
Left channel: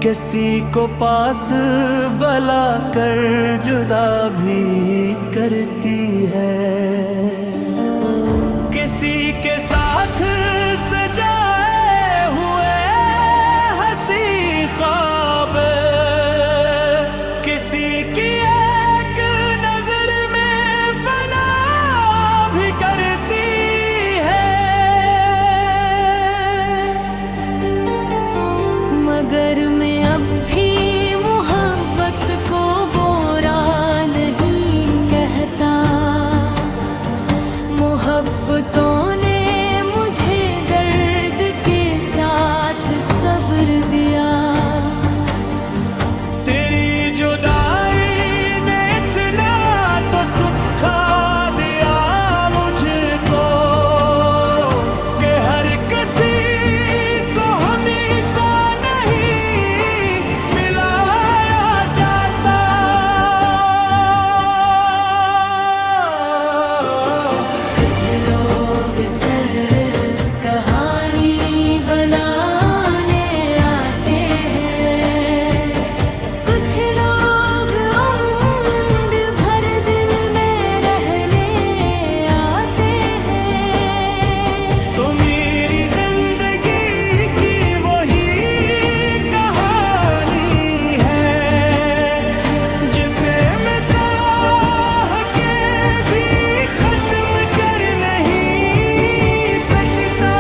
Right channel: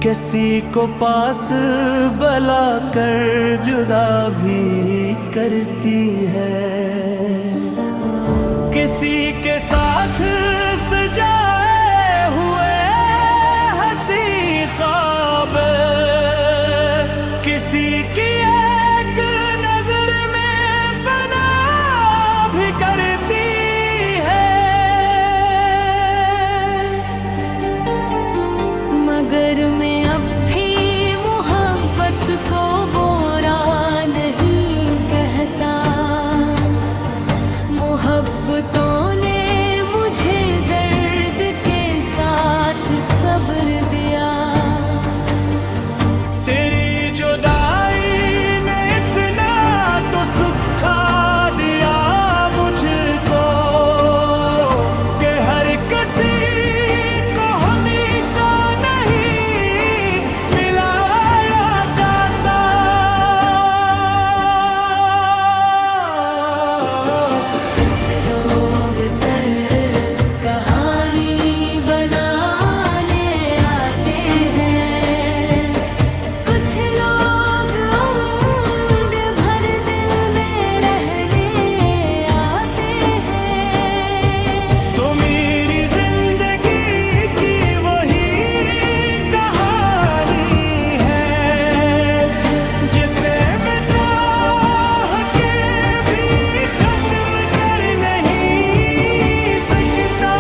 किसी को पास बुला कर जुदा भी करती है। किसी के साथ सजाए हुए हंसी ख्वाब, किसी की एक नजर में फना भी करती है। मगर मैं अब भी मोहब्बत को बुरा नहीं कहता। मोहब्बतों ने मुझे दर्द के साथ सब्र दिया। तेरी जुदाई ने इतना तो सुखा दिया मुझको कि हर किसी को हमेशा नहीं मिलाया जाता। कुछ लोग सिर्फ कहानी बनाने आते हैं, कुछ लोग उम्र भर दिल में रहने आते हैं। तो मेरी जिंदगी की वही कहानी है जिसे मैं चाह के भी खत्म कर नहीं सकता।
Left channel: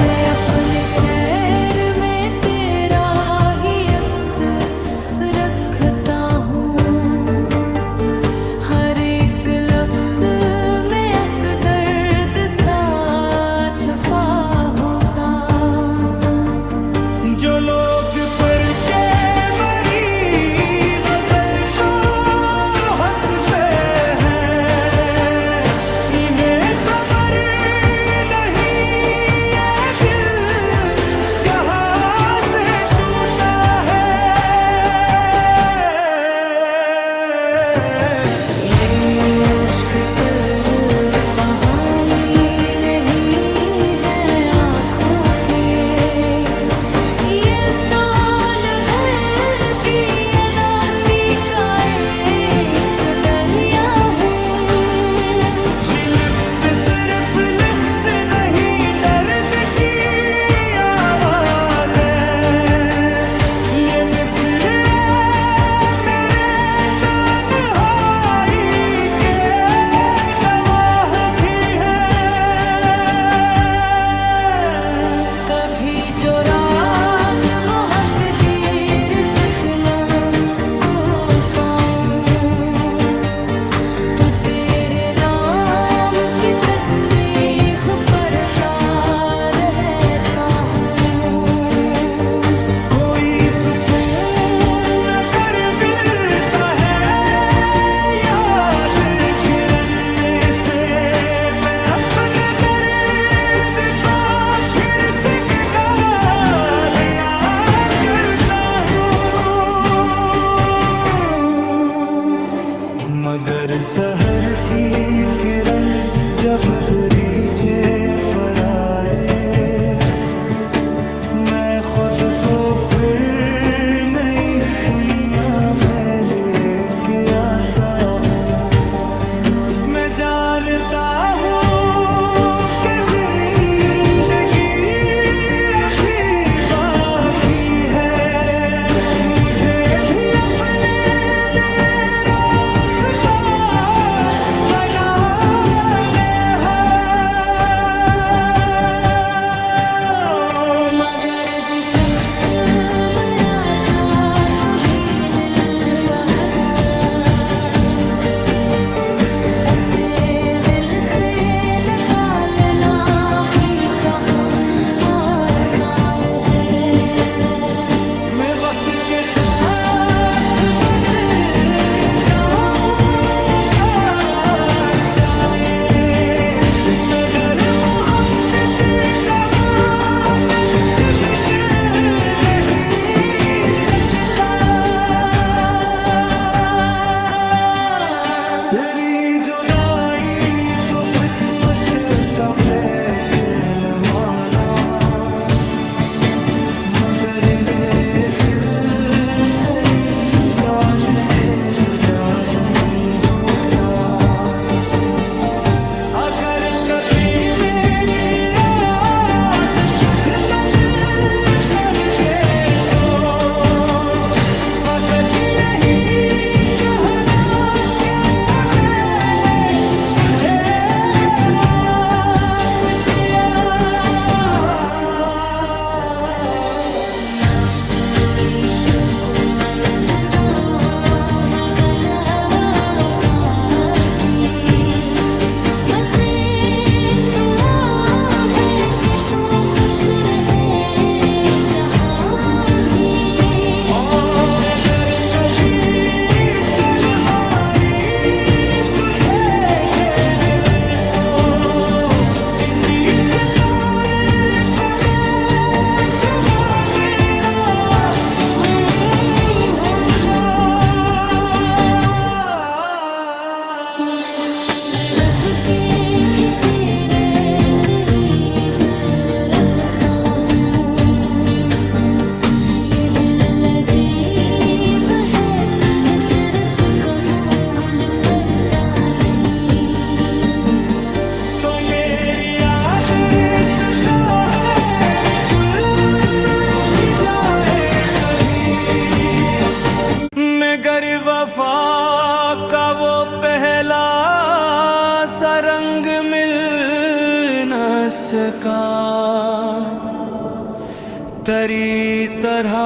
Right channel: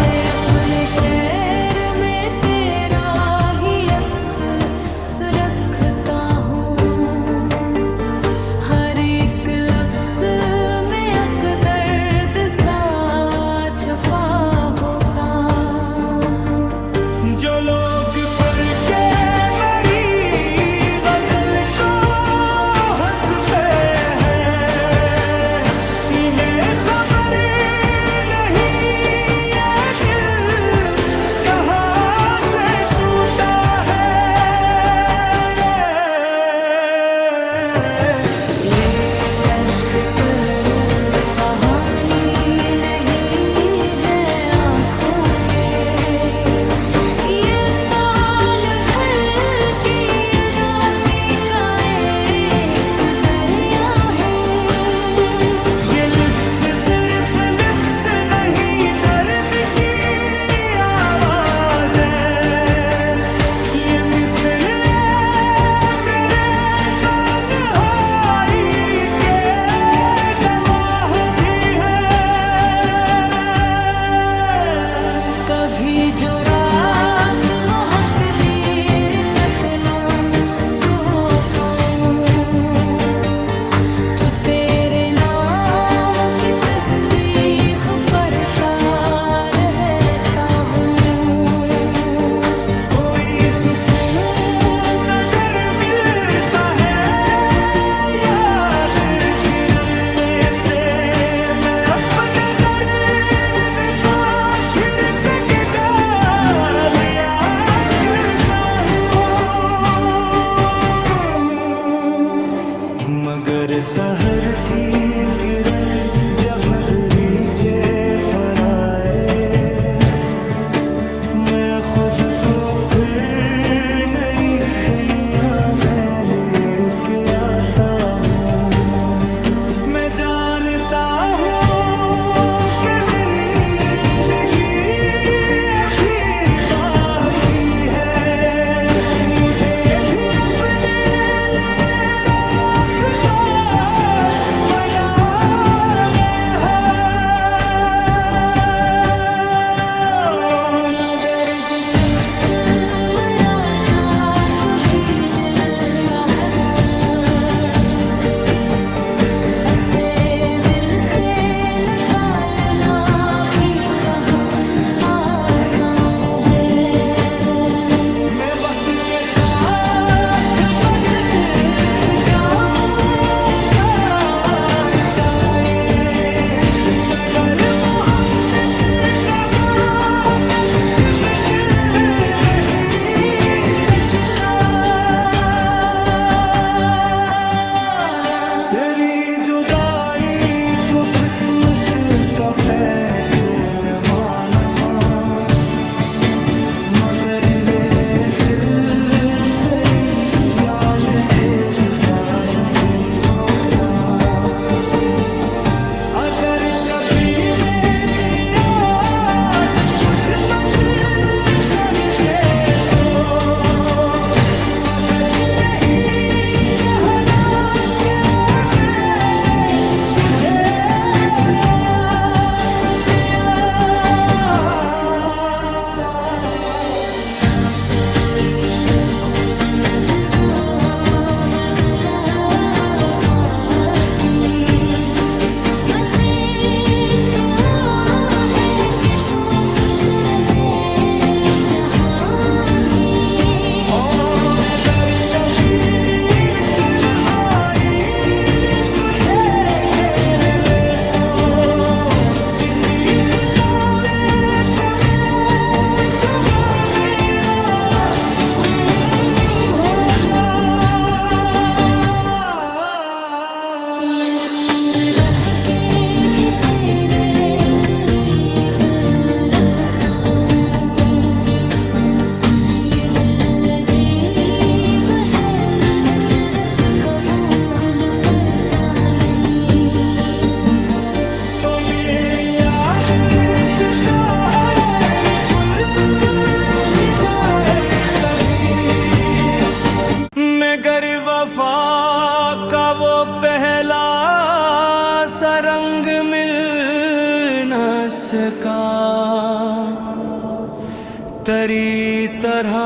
मैं अपने शहर में तेरा ही अक्स रखता हूँ, हर एक लफ्ज में एक दर्द सा छुपा होता। जो लोग पर के मरी गजल को हंसते हैं, इन्हें खबर नहीं ये दिल कहाँ से टूटा है। ये अश्क सिर्फ कहानी नहीं है आँखों के, ये साल भर की अदासी का एक दरिया है। ये लिफ्स सिर्फ लिफ्स नहीं दर्द की आवाज है, ये मिस्र मेरे तन्हाई के गवाह भी है। कभी जो रात बहुत देर तक ना सो पाऊं, तो तेरे नाम की तस्बीह पढ़ता रहता हूँ। कोई सुकून अगर मिलता है याद करने से, मैं अपने दर्द को फिर से गा लिया करता हूँ। मगर सहर की किरण जब दरीचे पर आए, मैं खुद को फिर नई दुनिया में लेके आता हूँ। मैं जानता हूँ कि जिंदगी अभी बाकी है, मुझे भी अपने लिए रास्ता बनाना है। मगर जो शख्स मरा था कभी दिल का हस्सा, ऐसे दिल से निकालना भी कहाँ आसान है। मैं वक्त के साथ बदल जाऊंगा शायद, मगर मोहब्बत का वो नक्श मिट नहीं सकता। तेरी जुदाई को किस्मत का फैसला माना, मगर ये दिल तेरी याद से जुदा नहीं होता। अगर कभी मेरी आस तुझ बन कर जे तो फकत यही कहना कि मैंने तुझे माफ किया। ना कोई शक व लहज़ा न गला पहला सा रंग मिल न सका, तेरी तरह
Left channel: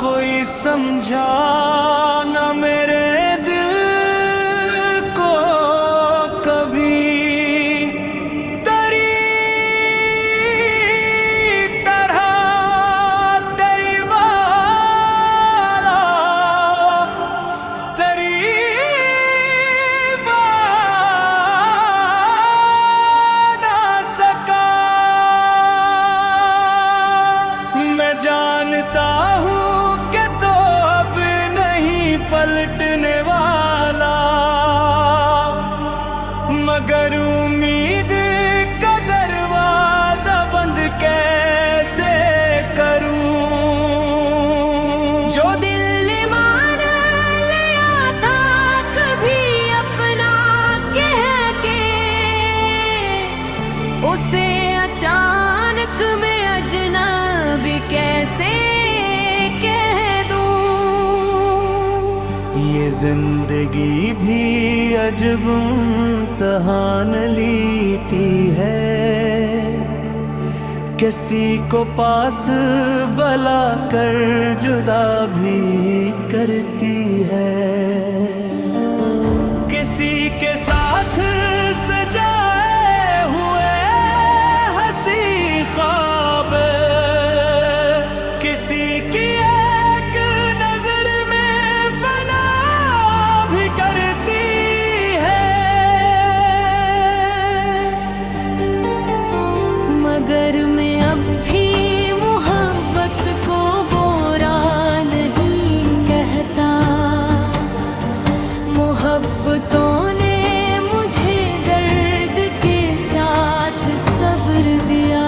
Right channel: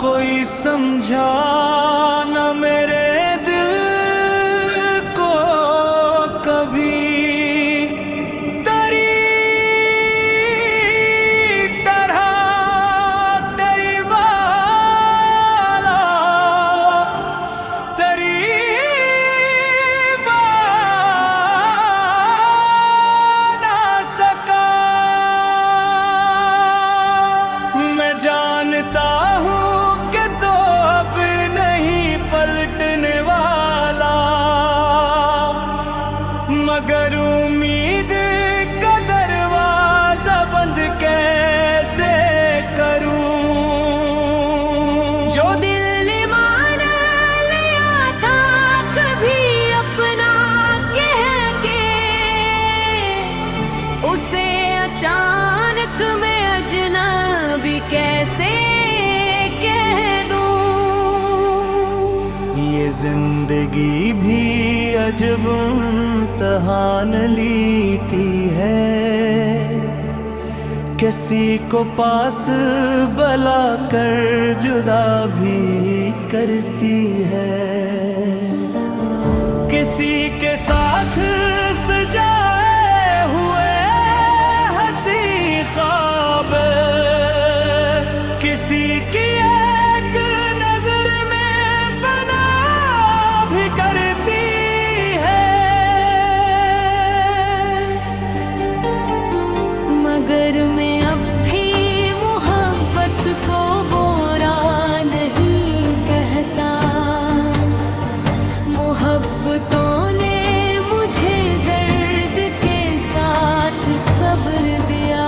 कोई समझा न मेरे दिल को कभी। तेरी तरह तेरी वाला तेरी जानता हूँ कि तो अब नहीं पलटने वाला, मगर उम्मीद का दरवाजा बंद कैसे करूँ। जो दिल मान लिया था कभी अपना कह के, उसे अचानक मैं अजनबी कैसे कह दूं। ये जिंदगी भी अजब इम्तिहान लेती है, किसी को पास बुला कर जुदा भी करती है। किसी के साथ सजाए हुए हंसी ख्वाब, किसी की एक नजर में फना भी करती है। मगर मैं अब भी मोहब्बत को बुरा नहीं कहता, मोहब्बतों ने मुझे दर्द के साथ सब्र दिया।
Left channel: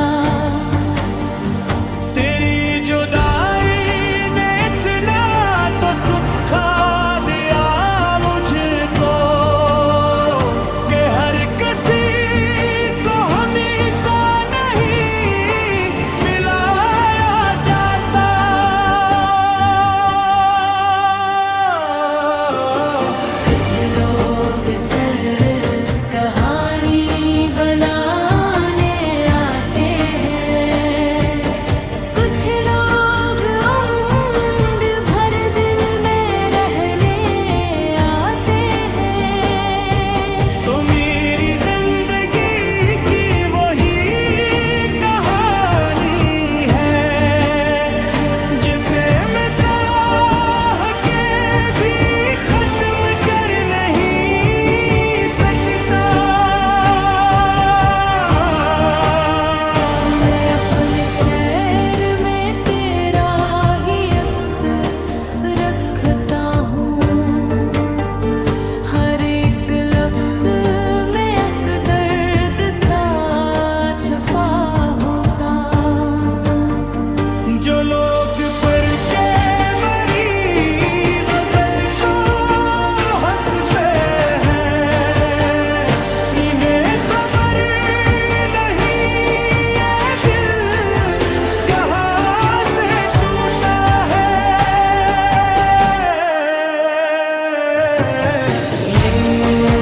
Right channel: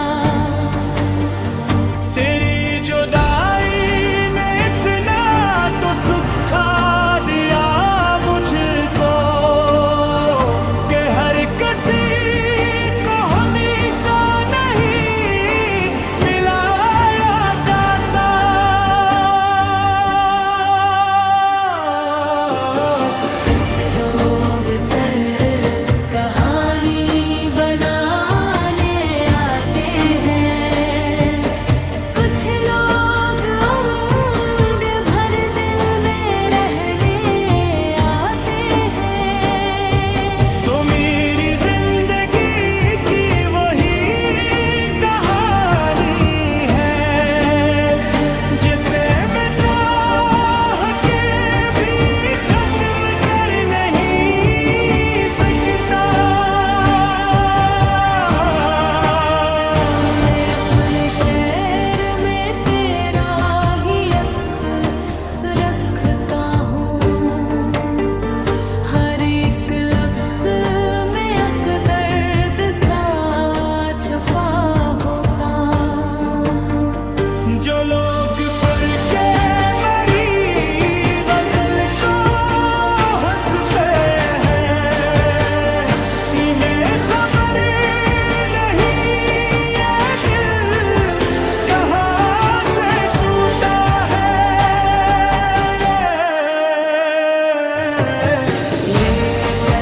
तेरी जुदाई ने इतना तो सुखा दिया मुझको, कि हर किसी को हमेशा नहीं मिलाया जाता। कुछ लोग सरस कहानी बनाने आते हैं, कुछ लोग उम्र भर दिल में रहने आते हैं। तो मेरी जिंदगी की वही कहानी है, जिसे मैं चाह के भी खत्म कर नहीं सकता। मैं अपने शहर में तेरा ही अक्स रखता हूँ, हर एक लफ्ज में एक दर्द सा छुपा होता। जो लोग पर के मरी गजल को हंस पे हैं, इन्हें खबर नहीं ये दिल कहाँ से टूटा है। ये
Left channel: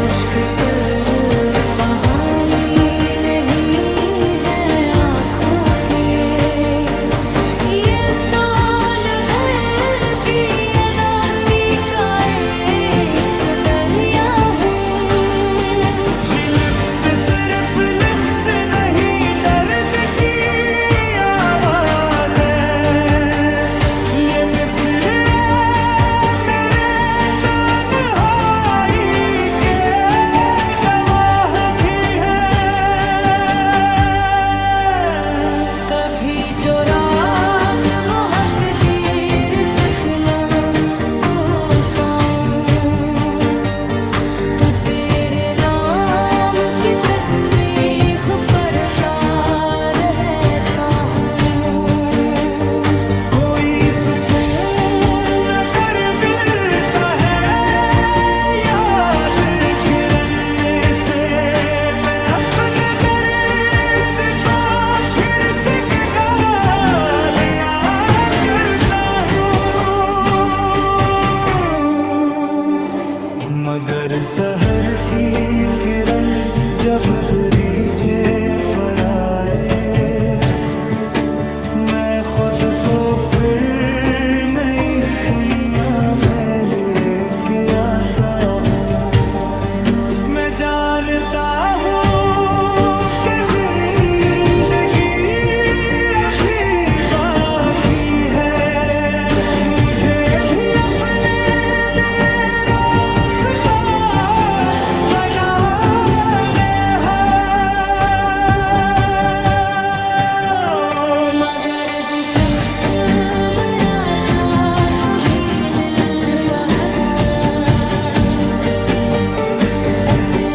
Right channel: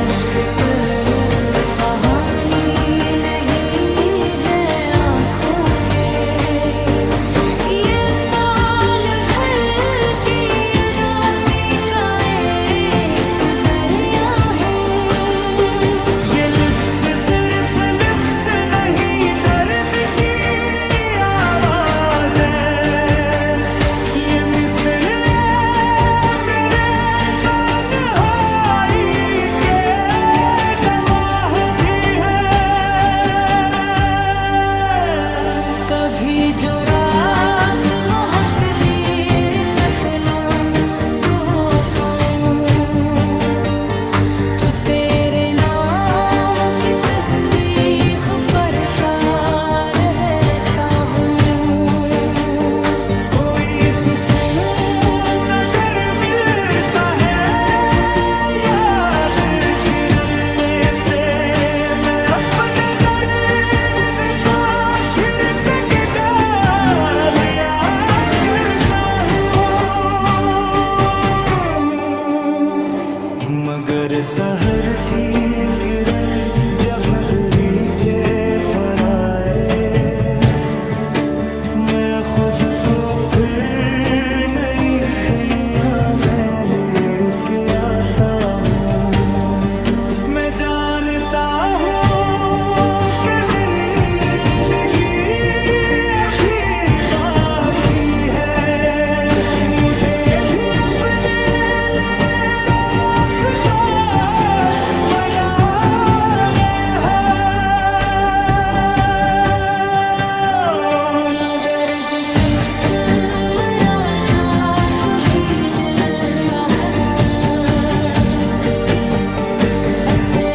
अश्क सिर्फ कहानी नहीं है आँखों के, ये साल भर की अदासी का एक दरिया है। ये लिफ्स सिर्फ लिफ्स नहीं दर्द की आवाज है, ये मिस्र मेरे तन्हाई के मगर सहर की किरण जब दरीचे पर आए, मैं खुद को फिर नई दुनिया में लेके आता हूँ। मैं जानता हूँ कि जिंदगी अभी बाकी है, मुझे भी अपने लिए रास्ता बनाना है। मगर जो शख्स मरा था कभी दिल का हस्सा, ऐसे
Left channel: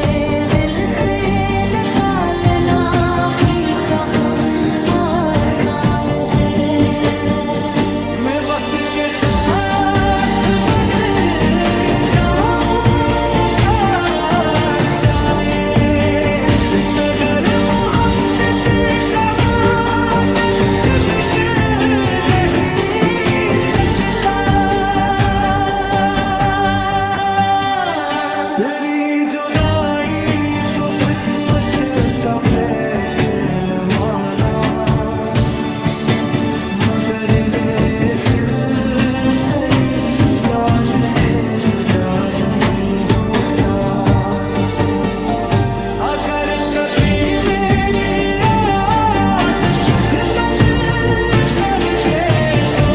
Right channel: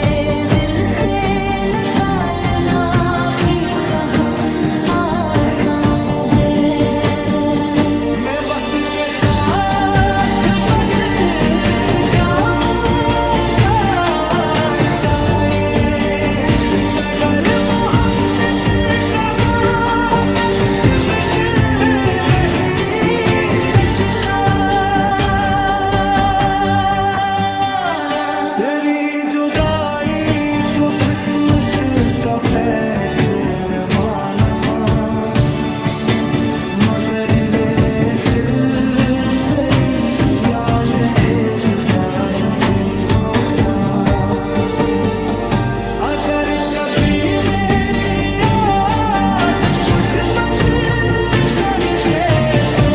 दिल से निकालना भी कहाँ आसान है। मैं वक्त के साथ बदल जाऊंगा शायद, मगर मोहब्बत का वो नक्श मिट नहीं सकता। तेरी जुदाई को किस्मत का फैसला माना, मगर ये दिल तेरी याद से जुदा नहीं होता। अगर कभी मेरी आस तुझ तक कर जे तो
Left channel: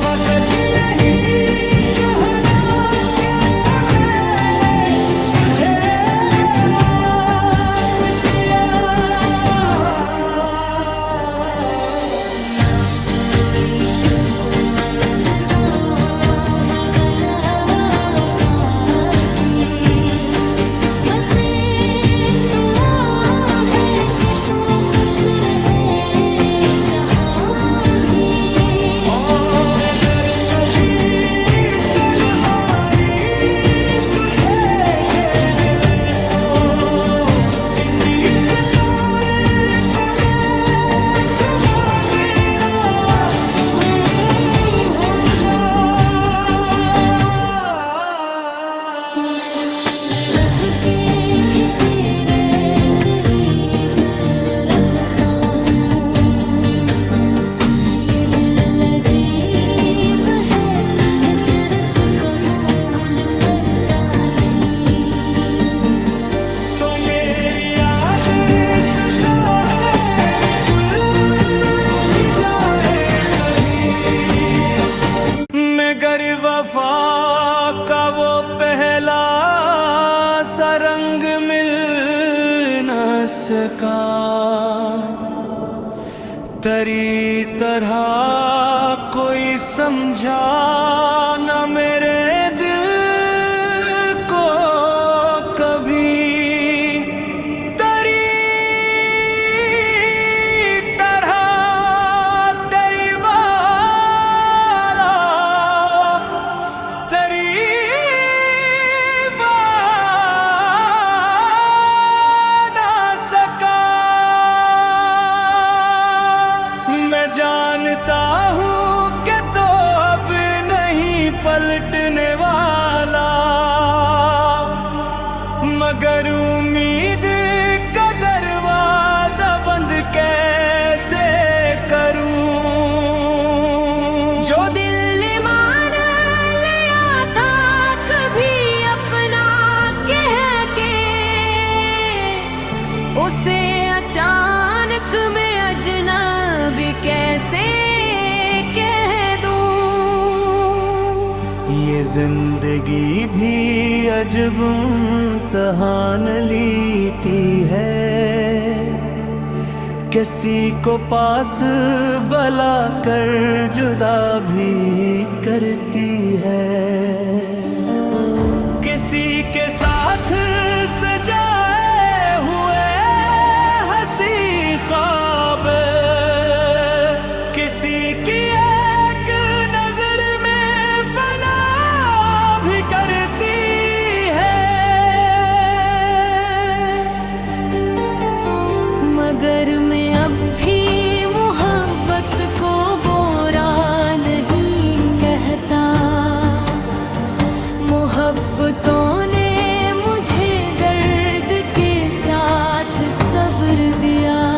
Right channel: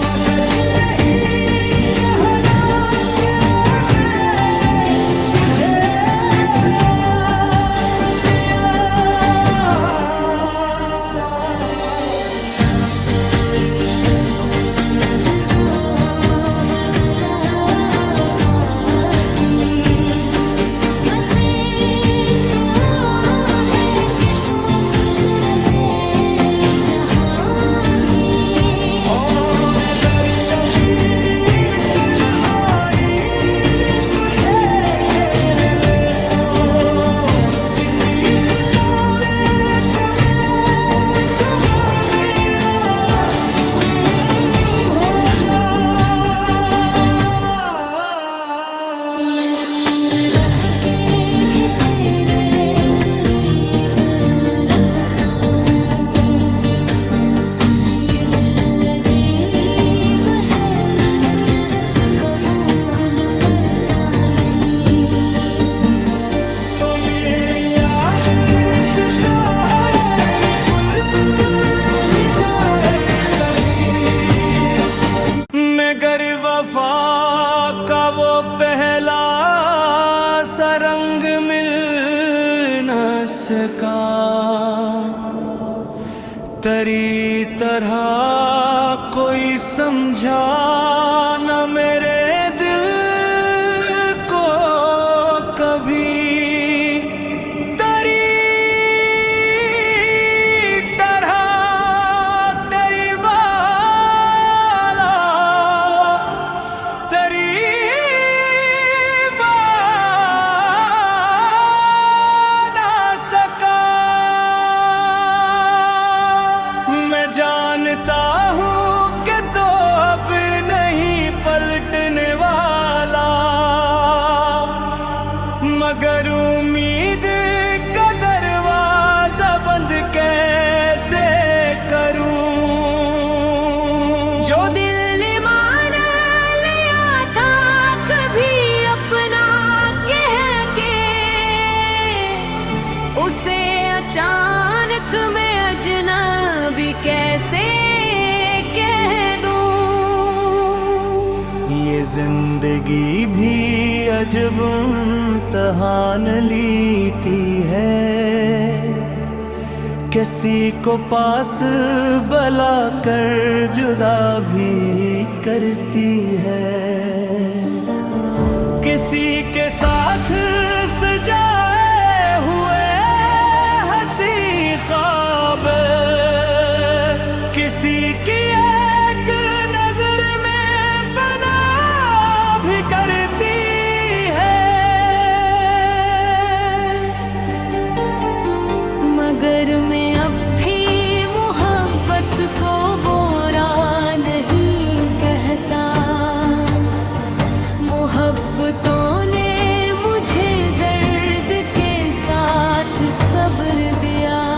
फकत यही कहना कि मैंने तुझे माफ किया। ना कोई शक व लहज़ा न गला बाती, बस एक दुआ है कि तू खुश रहे जहाँ भी। और अगर कभी तन आई तुझे घेर ले तो किसी सितारे को देख वो तेरा होगा। मैं दूर रह के भी तेरे करीब रहता हूँ। ये दिल अजीब है, हिजरत कबूल करता नहीं। तो मेरी याद सच्चा है, निकल भी जाए कभी, मगर वफा का वो पहला सा रंग मिल न सका। तेरी तरह कोई समझा न मेरे दिल को कभी। तेरी तरह तेरी वाला तेरी ना सका। मैं जानता हूँ कि तो अब नहीं पलटने वाला, मगर उम्मीद का दरवाजा बंद कैसे करूं। जो दिल मान लिया था कभी अपना कह के, उसे अचानक मैं अजनबी कैसे कह दूं। ये जिंदगी भी अजब इम्तहान लेती है, किसी को पास बुला कर जुदा भी करती है। किसी के साथ सजाए हुए हंसी ख्वाब, किसी की एक नजर में फना भी करती है। मगर मैं अब भी मोहब्बत को बुरा नहीं कहता। मोहब्बत मोहब्बतों ने मुझे दर्द के साथ सब्र दिया।